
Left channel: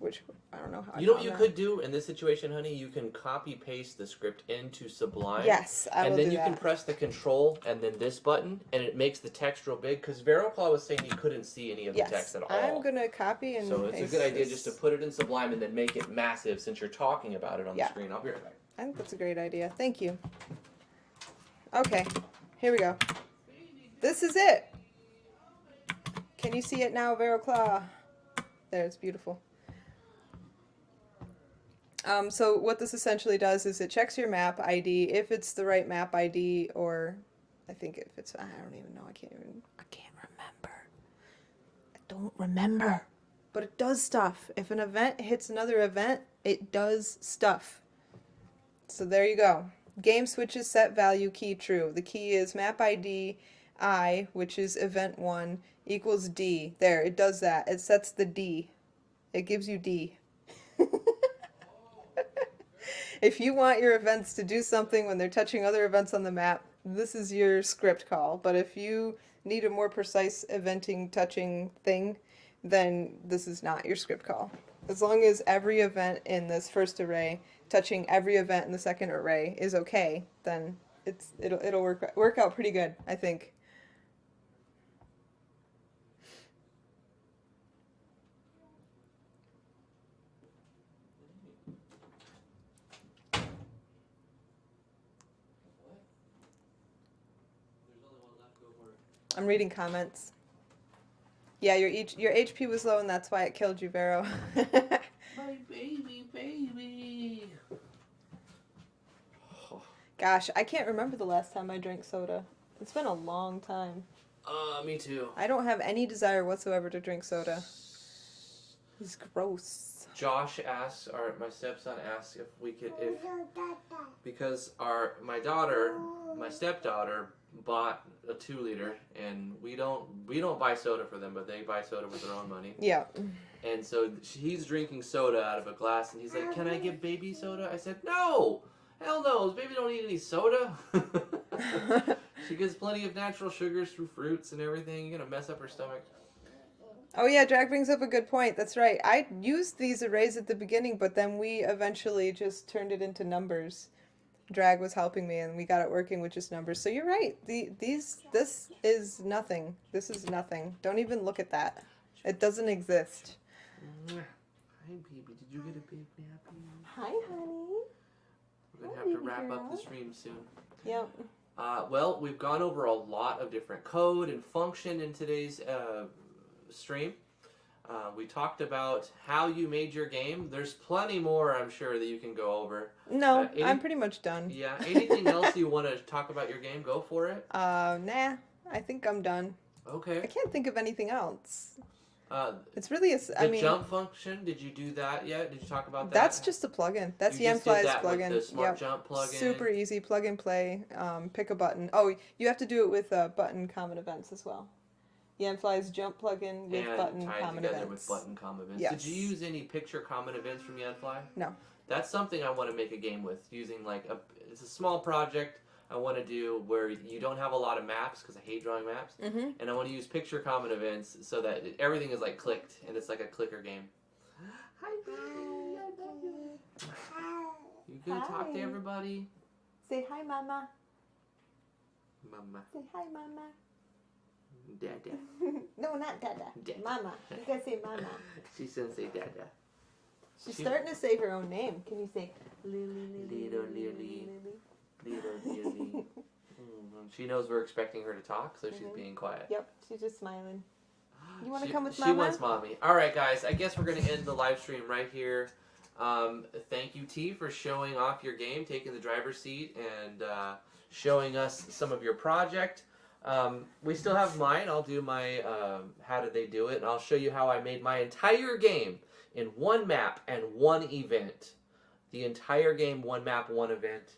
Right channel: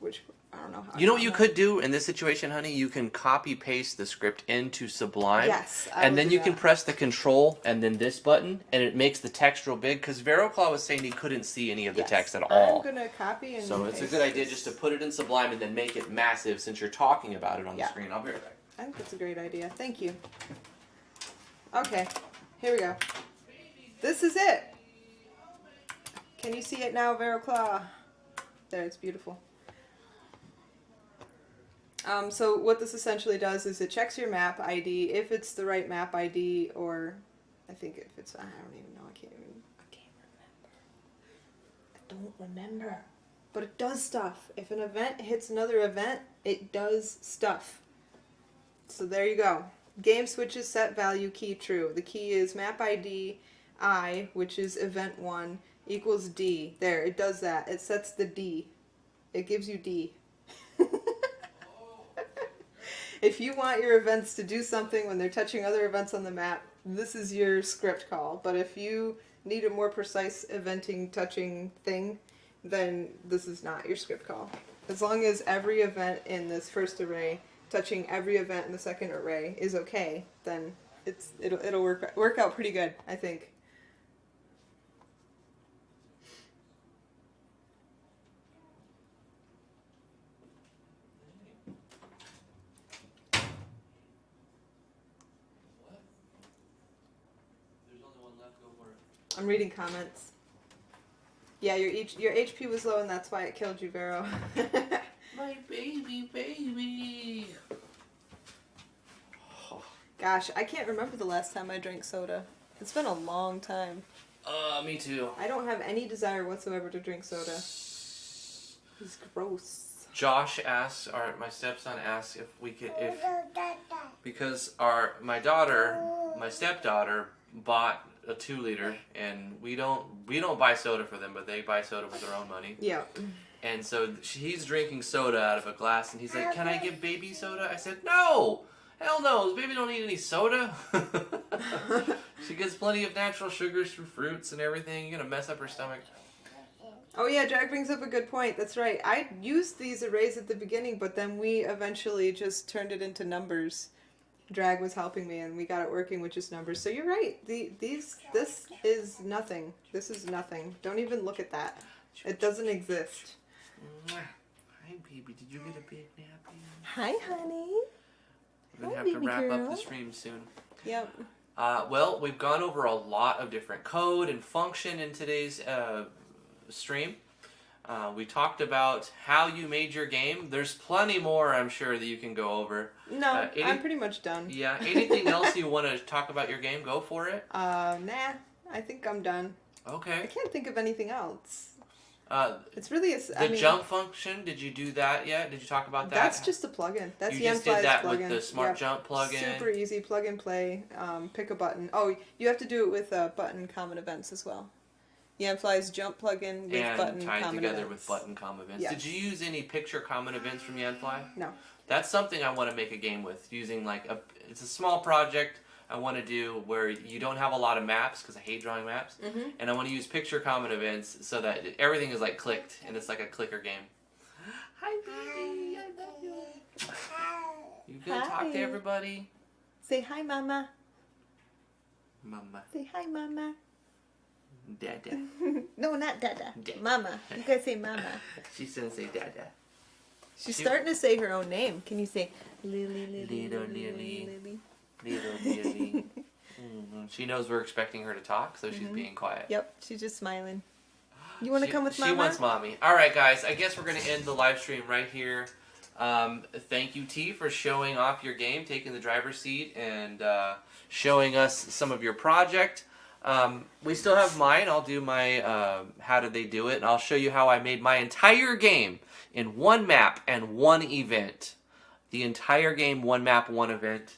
which I don't know how. You know what you could do in this situation, honey? You can copy paste the script into Sublime. Yes. And then you can press the control and then this button, and it makes the text real big. Because Veroclaw was saying he couldn't see any of the text at all. I'm gonna copy and so it's a good idea just to put it in Sublime and then make it massive since you're talking about it on the screen. I'll be right back. I think that's a great idea. Thank you. Okay, here we go. This is it. Can you see it now, Veroclaw? There, it's beautiful. So what this essentially does is it checks your map ID, if it's the right map ID, or I think if it's, I don't even know, I can't remember. I don't remember. But it does stuff. If an event hits another event, it does stuff. So there you go. Game switches set value key true. The key is map ID I, which is event 1, equals D. There, it does that. It sets the D. It gives you D. If you want your events to do something when they're touching other events on the map, this is your script call. But if you need a more precise eventing, touching thing, then this is not your script call. As long as every event in this first array touching every event in the second array is okay, then it'll work out pretty good, I think. I'm reading comments. Yeah, your HP was low and that's why it killed you, Vero. My baby. Gosh, I can't remember the last time I drank soda. It's been a long time. Me too. I don't have any desire whatsoever to drink soda. It's gross. Josh asks, or my stepson asks if we could, because my stepdaughter bought a 2-liter, and we don't buy soda for them, but they buy soda with their own money. Yeah. And so he's drinking soda out of a glass, and he's like, "Can I give baby soda?" I said, "No, hell no, baby don't need any soda." She gets plenty of natural sugars through fruits and everything. You're gonna mess up her stomach. Oh yeah, Jack brings up a good point. That's right. I used these arrays at the beginning, but then we eventually just turned it into numbers. Drag was helping me, and we got it working with just numbers. So you're right. This is nothing. This is nothing. Don't even look at that. It doesn't exist. Hi, baby. Did you get a big nappy? Hi, honey. We're gonna have to wrap up the stream soon. Yep. Well, we've gone over a lot of different code and function in today's stream. We talked about how you made your game. There's plenty more, I'm sure, that you can go over. No, I'm pretty much done. Yeah. Anything else you want to talk about your game? Go for it. Nah. I think I'm done. Okay. I can't think of anything else. It's really the jump function. Did you do that yet? Did you talk about that? That's just a plugin. That's you just did that plugin. With the Smart Jump plugin. Super easy, plug and play. Pick a button. Oh, you have to do it with button common events as well. Yanfly's jump plugin with and button tied common together events. with button common events. Yes. Did you use any picture common events from Yanfly? No. That's something I want to make a game with, using like it's a small project I want to do where you don't have a lot of maps, because I hate drawing maps, and I want to use picture common events so that everything is like clicked and it's like a clicker game. Hi, baby. I love you. You gonna talk to everybody? Say hi, Mama. Mama. Say hi, Mama. Dada. No, not Dada. Dada. Mama. You gotta say Mama. She's gonna say Dada. She's starting to say her own name. Can you say Lily, Lily, Little Lily. Little Lily. She knows we're expecting her to talk, so she's being quiet. Yep, she's just smiling. You want to come with Mama? She wants mommy. All right, guys. I guess we're going to end the live stream right here. Thank you, T, for showing off your game, taking the driver's seat, and showing us some of your project. We still have mine. I'll do my how did they do it, and I'll show you how I made my entire game in one map and one event. The entire game, one map, one event.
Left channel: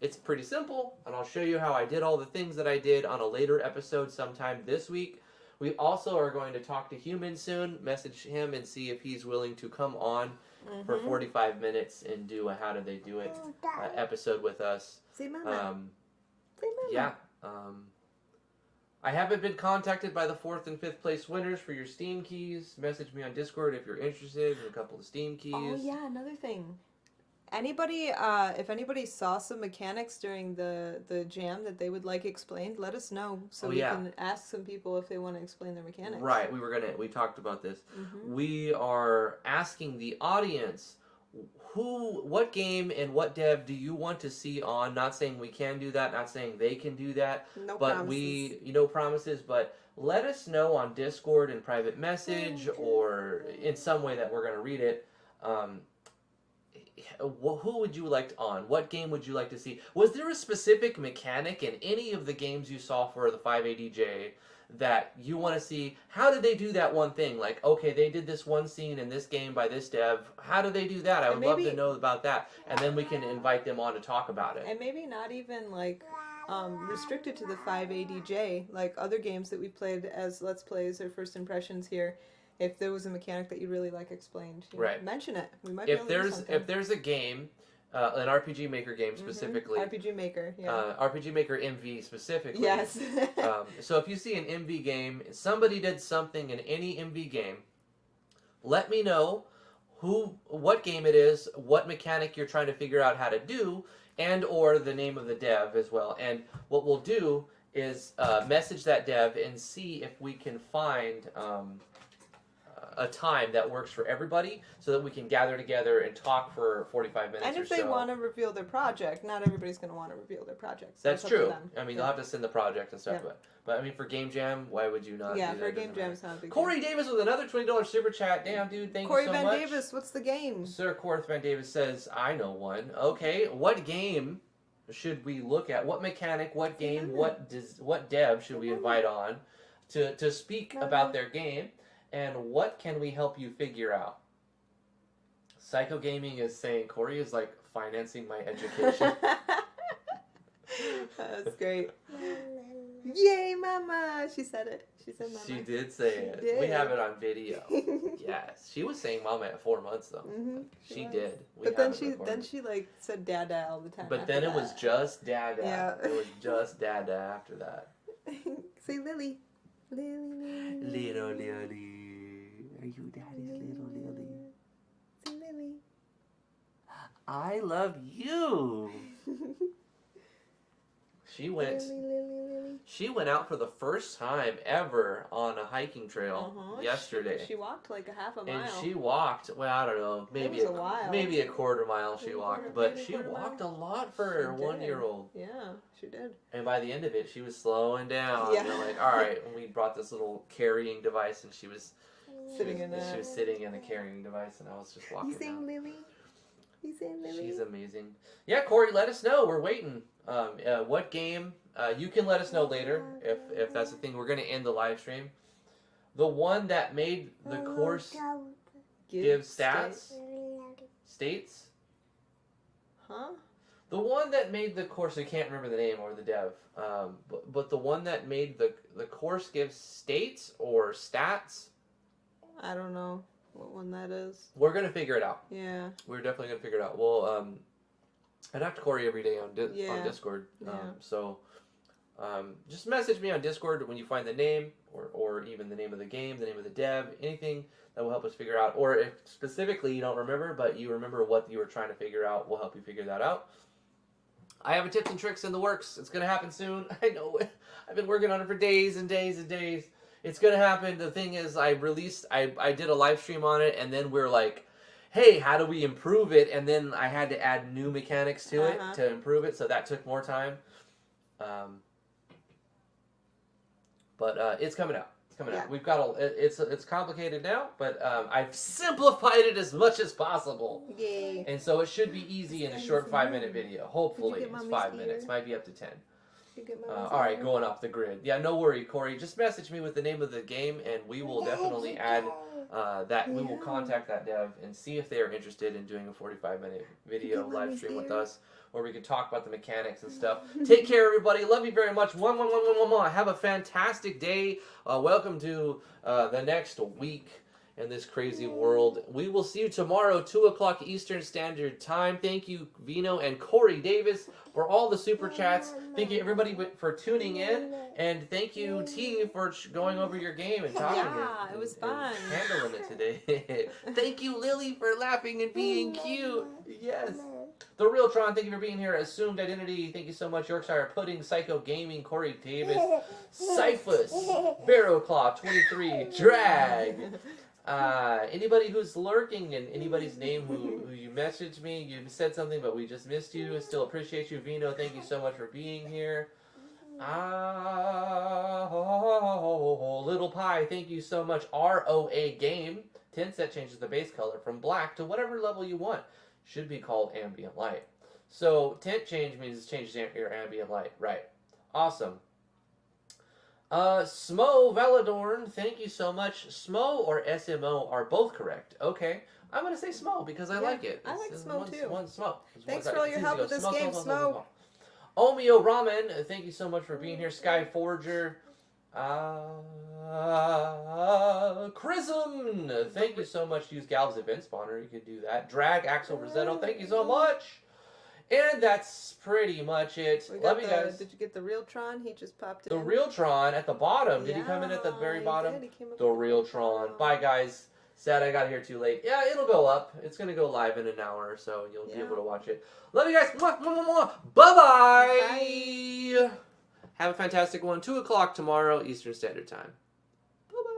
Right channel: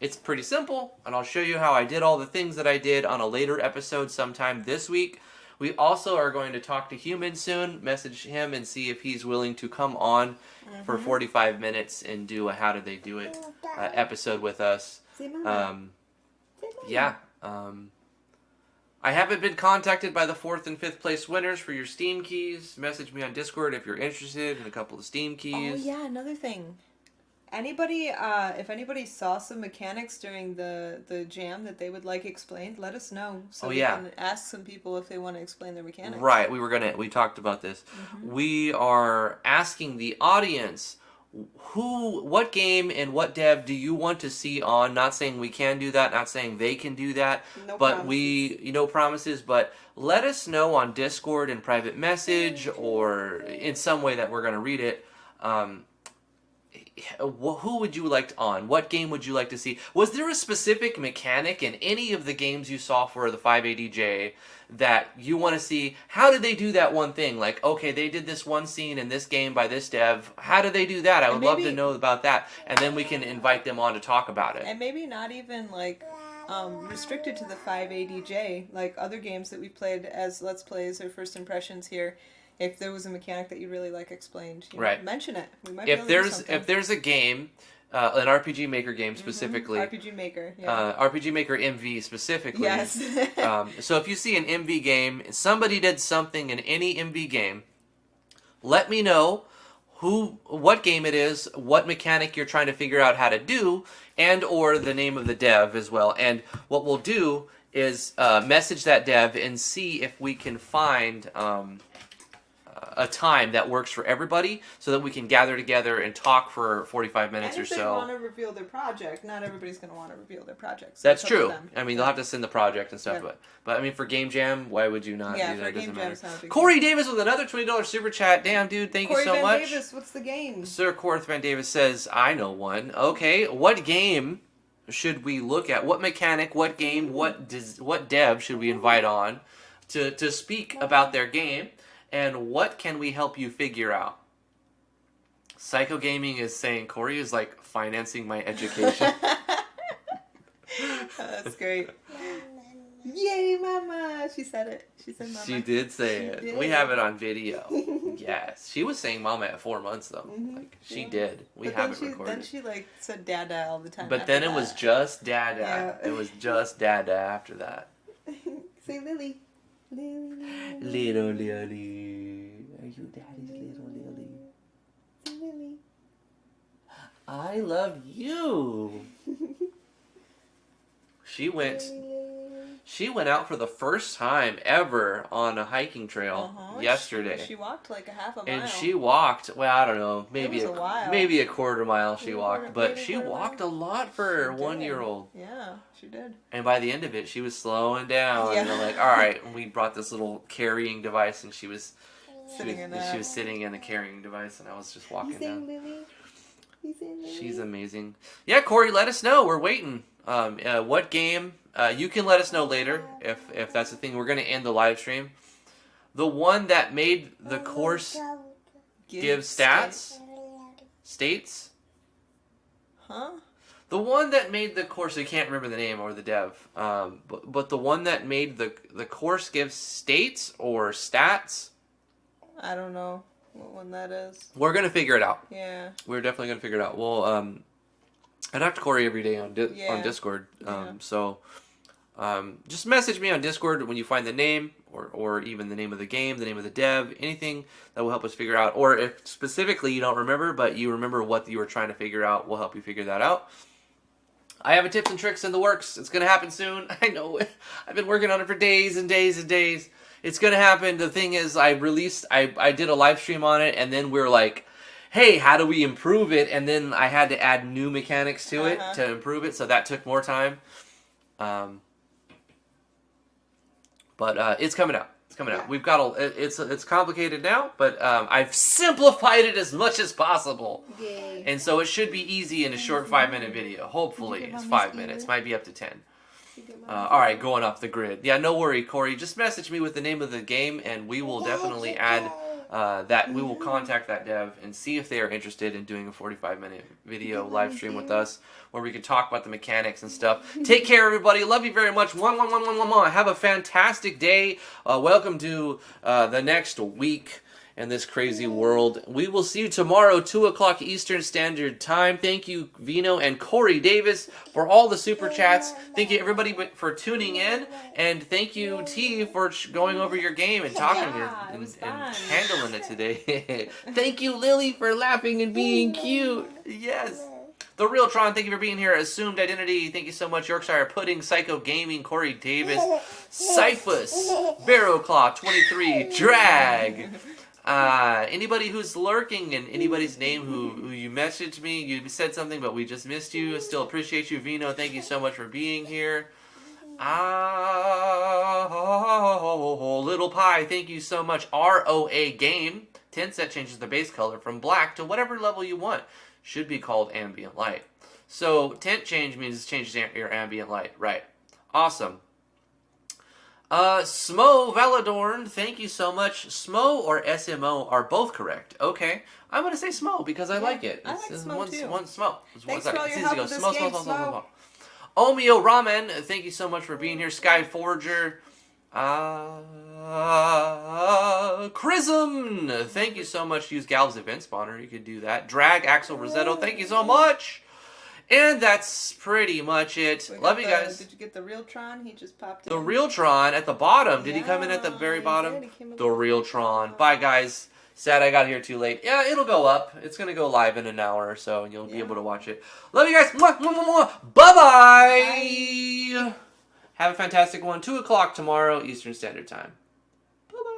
It's pretty simple, and I'll show you how I did all the things that I did on a later episode sometime this week. We also are going to talk to Human soon, message him and see if he's willing to come on for 45 minutes and do a How Did They Do It episode with us. Yeah. I haven't been contacted by the 4th and 5th place winners for your Steam keys. Message me on Discord if you're interested in a couple of Steam keys. Oh, yeah, another thing. Anybody, if anybody saw some mechanics during the jam that they would like explained, let us know so we can ask some people if they want to explain their mechanics. Right, we talked about this. We are asking the audience, what game and what dev do you want to see on? Not saying we can do that, not saying they can do that, but no promises, but let us know on Discord in private message or in some way that we're going to read it. Who would you like on? What game would you like to see? Was there a specific mechanic in any of the games you saw for the 5ADJ that you want to see? How did they do that one thing? Like, okay, they did this one scene in this game by this dev. How did they do that? I would love to know about that. And then we can invite them on to talk about it. And maybe not even like restricted to the 5ADJ, like other games that we played as Let's Plays or First Impressions here. If there was a mechanic that you really like explained, mention it. We might if there's a game, an RPG Maker game specifically, RPG Maker, RPG Maker MV specifically. Yes. So if you see an MV game, somebody did something in any MV game, let me know what game it is, what mechanic you're trying to figure out how to do, and or the name of the dev as well. And what we'll do is message that dev and see if we can find a time that works for everybody so that we can gather together and talk for 45 minutes or so. And if they want to reveal their project, not everybody's going to want to reveal their project. So that's true. I mean, they'll have to send the project and stuff, but I mean, for Game Jam, why would you not do that? For It doesn't Game matter. Jam, Corey Davis with another $20 super chat. Damn, dude, thank you so much. Corey Van Davis, what's the game? Sir Corth Van Davis says, I know one. Okay, what game should we look at? What mechanic, what game, what dev should we invite on to speak about their game? And what can we help you figure out? Psycho Gaming is saying Corey is like financing my education. That's great. Yay, Mama! She said it. She said Mama. She did say it. Did. We have it on video. Yes. She was saying Mama at 4 months though. Like she did. We have it recorded. Then she like said Dada all the time. But then it was just Dada. Yeah. It was just Dada after that. Say Lily. Little Lily. Are you daddy's little Lily? Say Lily. I love you. She went out for the first time ever on a hiking trail yesterday. She walked like a half a mile. And she walked, well, I don't know, maybe a quarter mile she walked, but she walked a lot for a 1-year-old. Yeah, she did. And by the end of it, she was slowing down. Yeah. And we're like, all right, and we brought this little carrying device, and she was sitting in a carrying device, and I was just walking down. She's amazing. Yeah, Corey, let us know. We're waiting. What game? You can let us know later if that's the thing. We're going to end the live stream. The one that made the course give states? Huh? The one that made the course, I can't remember the name or the dev, but the one that made the course gives states or stats. I don't know what one that is. We're going to figure it out. Yeah. We're definitely going to figure it out. Well, I talk to Corey every day on Discord. So just message me on Discord when you find the name or even the name of the game, the name of the dev, anything that will help us figure out. Or if specifically you don't remember, but you remember what you were trying to figure out, we'll help you figure that out. I have a tips and tricks in the works. It's going to happen soon. I know it. I've been working on it for days and days and days. It's going to happen. The thing is, I did a live stream on it, and then we're like, hey, how do we improve it? And then I had to add new mechanics to it to improve it, so that took more time. But it's coming out. It's coming out. We've got it's complicated now, but I've simplified it as much as possible. Yay. And so it should be easy in a short 5-minute video. Hopefully, it's 5 minutes. Might be up to 10. All right, going off the grid. Yeah, no worry, Corey. Just message me with the name of the game, and we will definitely add that. We will contact that dev and see if they are interested in doing a 45-minute video live stream with us, where we can talk about the mechanics and stuff. Take care, everybody. Love you very much. Have a fantastic day. Welcome to the next week in this crazy world. We will see you tomorrow, 2 o'clock Eastern Standard Time. Thank you, Vino and Corey Davis, for all the super chats. Thank you, everybody, for tuning in. And thank you, T, for going over your game and talking and handling it today. Thank you, Lily, for laughing and being cute. Yes. The Real Tron, thank you for being here. Assumed Identity, thank you so much. Yorkshire Pudding, Psycho Gaming, Corey Davis, Cyphus, Barrowclaw 23, Drag. Anybody who's lurking and anybody's name who you messaged me, you said something but we just missed you. I still appreciate you. Vino, thank you so much for being here. Little Pie, thank you so much. ROA Game, 10 set changes the base color from black to whatever level you want. Should be called ambient light. So tint change means it changes your ambient light. Right. Awesome. Smo Valadorn, thank you so much. Smo or SMO are both correct. Okay. I'm going to say Smo because I like it. It's Smo one too. Smo. Thanks for all your help with this game, Smo. Omeo Ramen, thank you so much for being here. Sky Forger. Chrism, thank you so much. Use Galb's event spawner. You could do that. Drag Axel Rosetto, thank you so much. And that's pretty much it. Love you guys. Did you get the Real Tron? He just popped in. The Real Tron at the bottom. Did he come in at the very bottom? The Real Tron. Bye, guys. Sad I got here too late. Yeah, it'll go up. It's going to go live in an hour or so, and you'll be able to watch it. Love you guys. Mwah, mwah, mwah, mwah. Bye-bye. Have a fantastic one. 2 o'clock tomorrow, Eastern Standard Time. Bye-bye.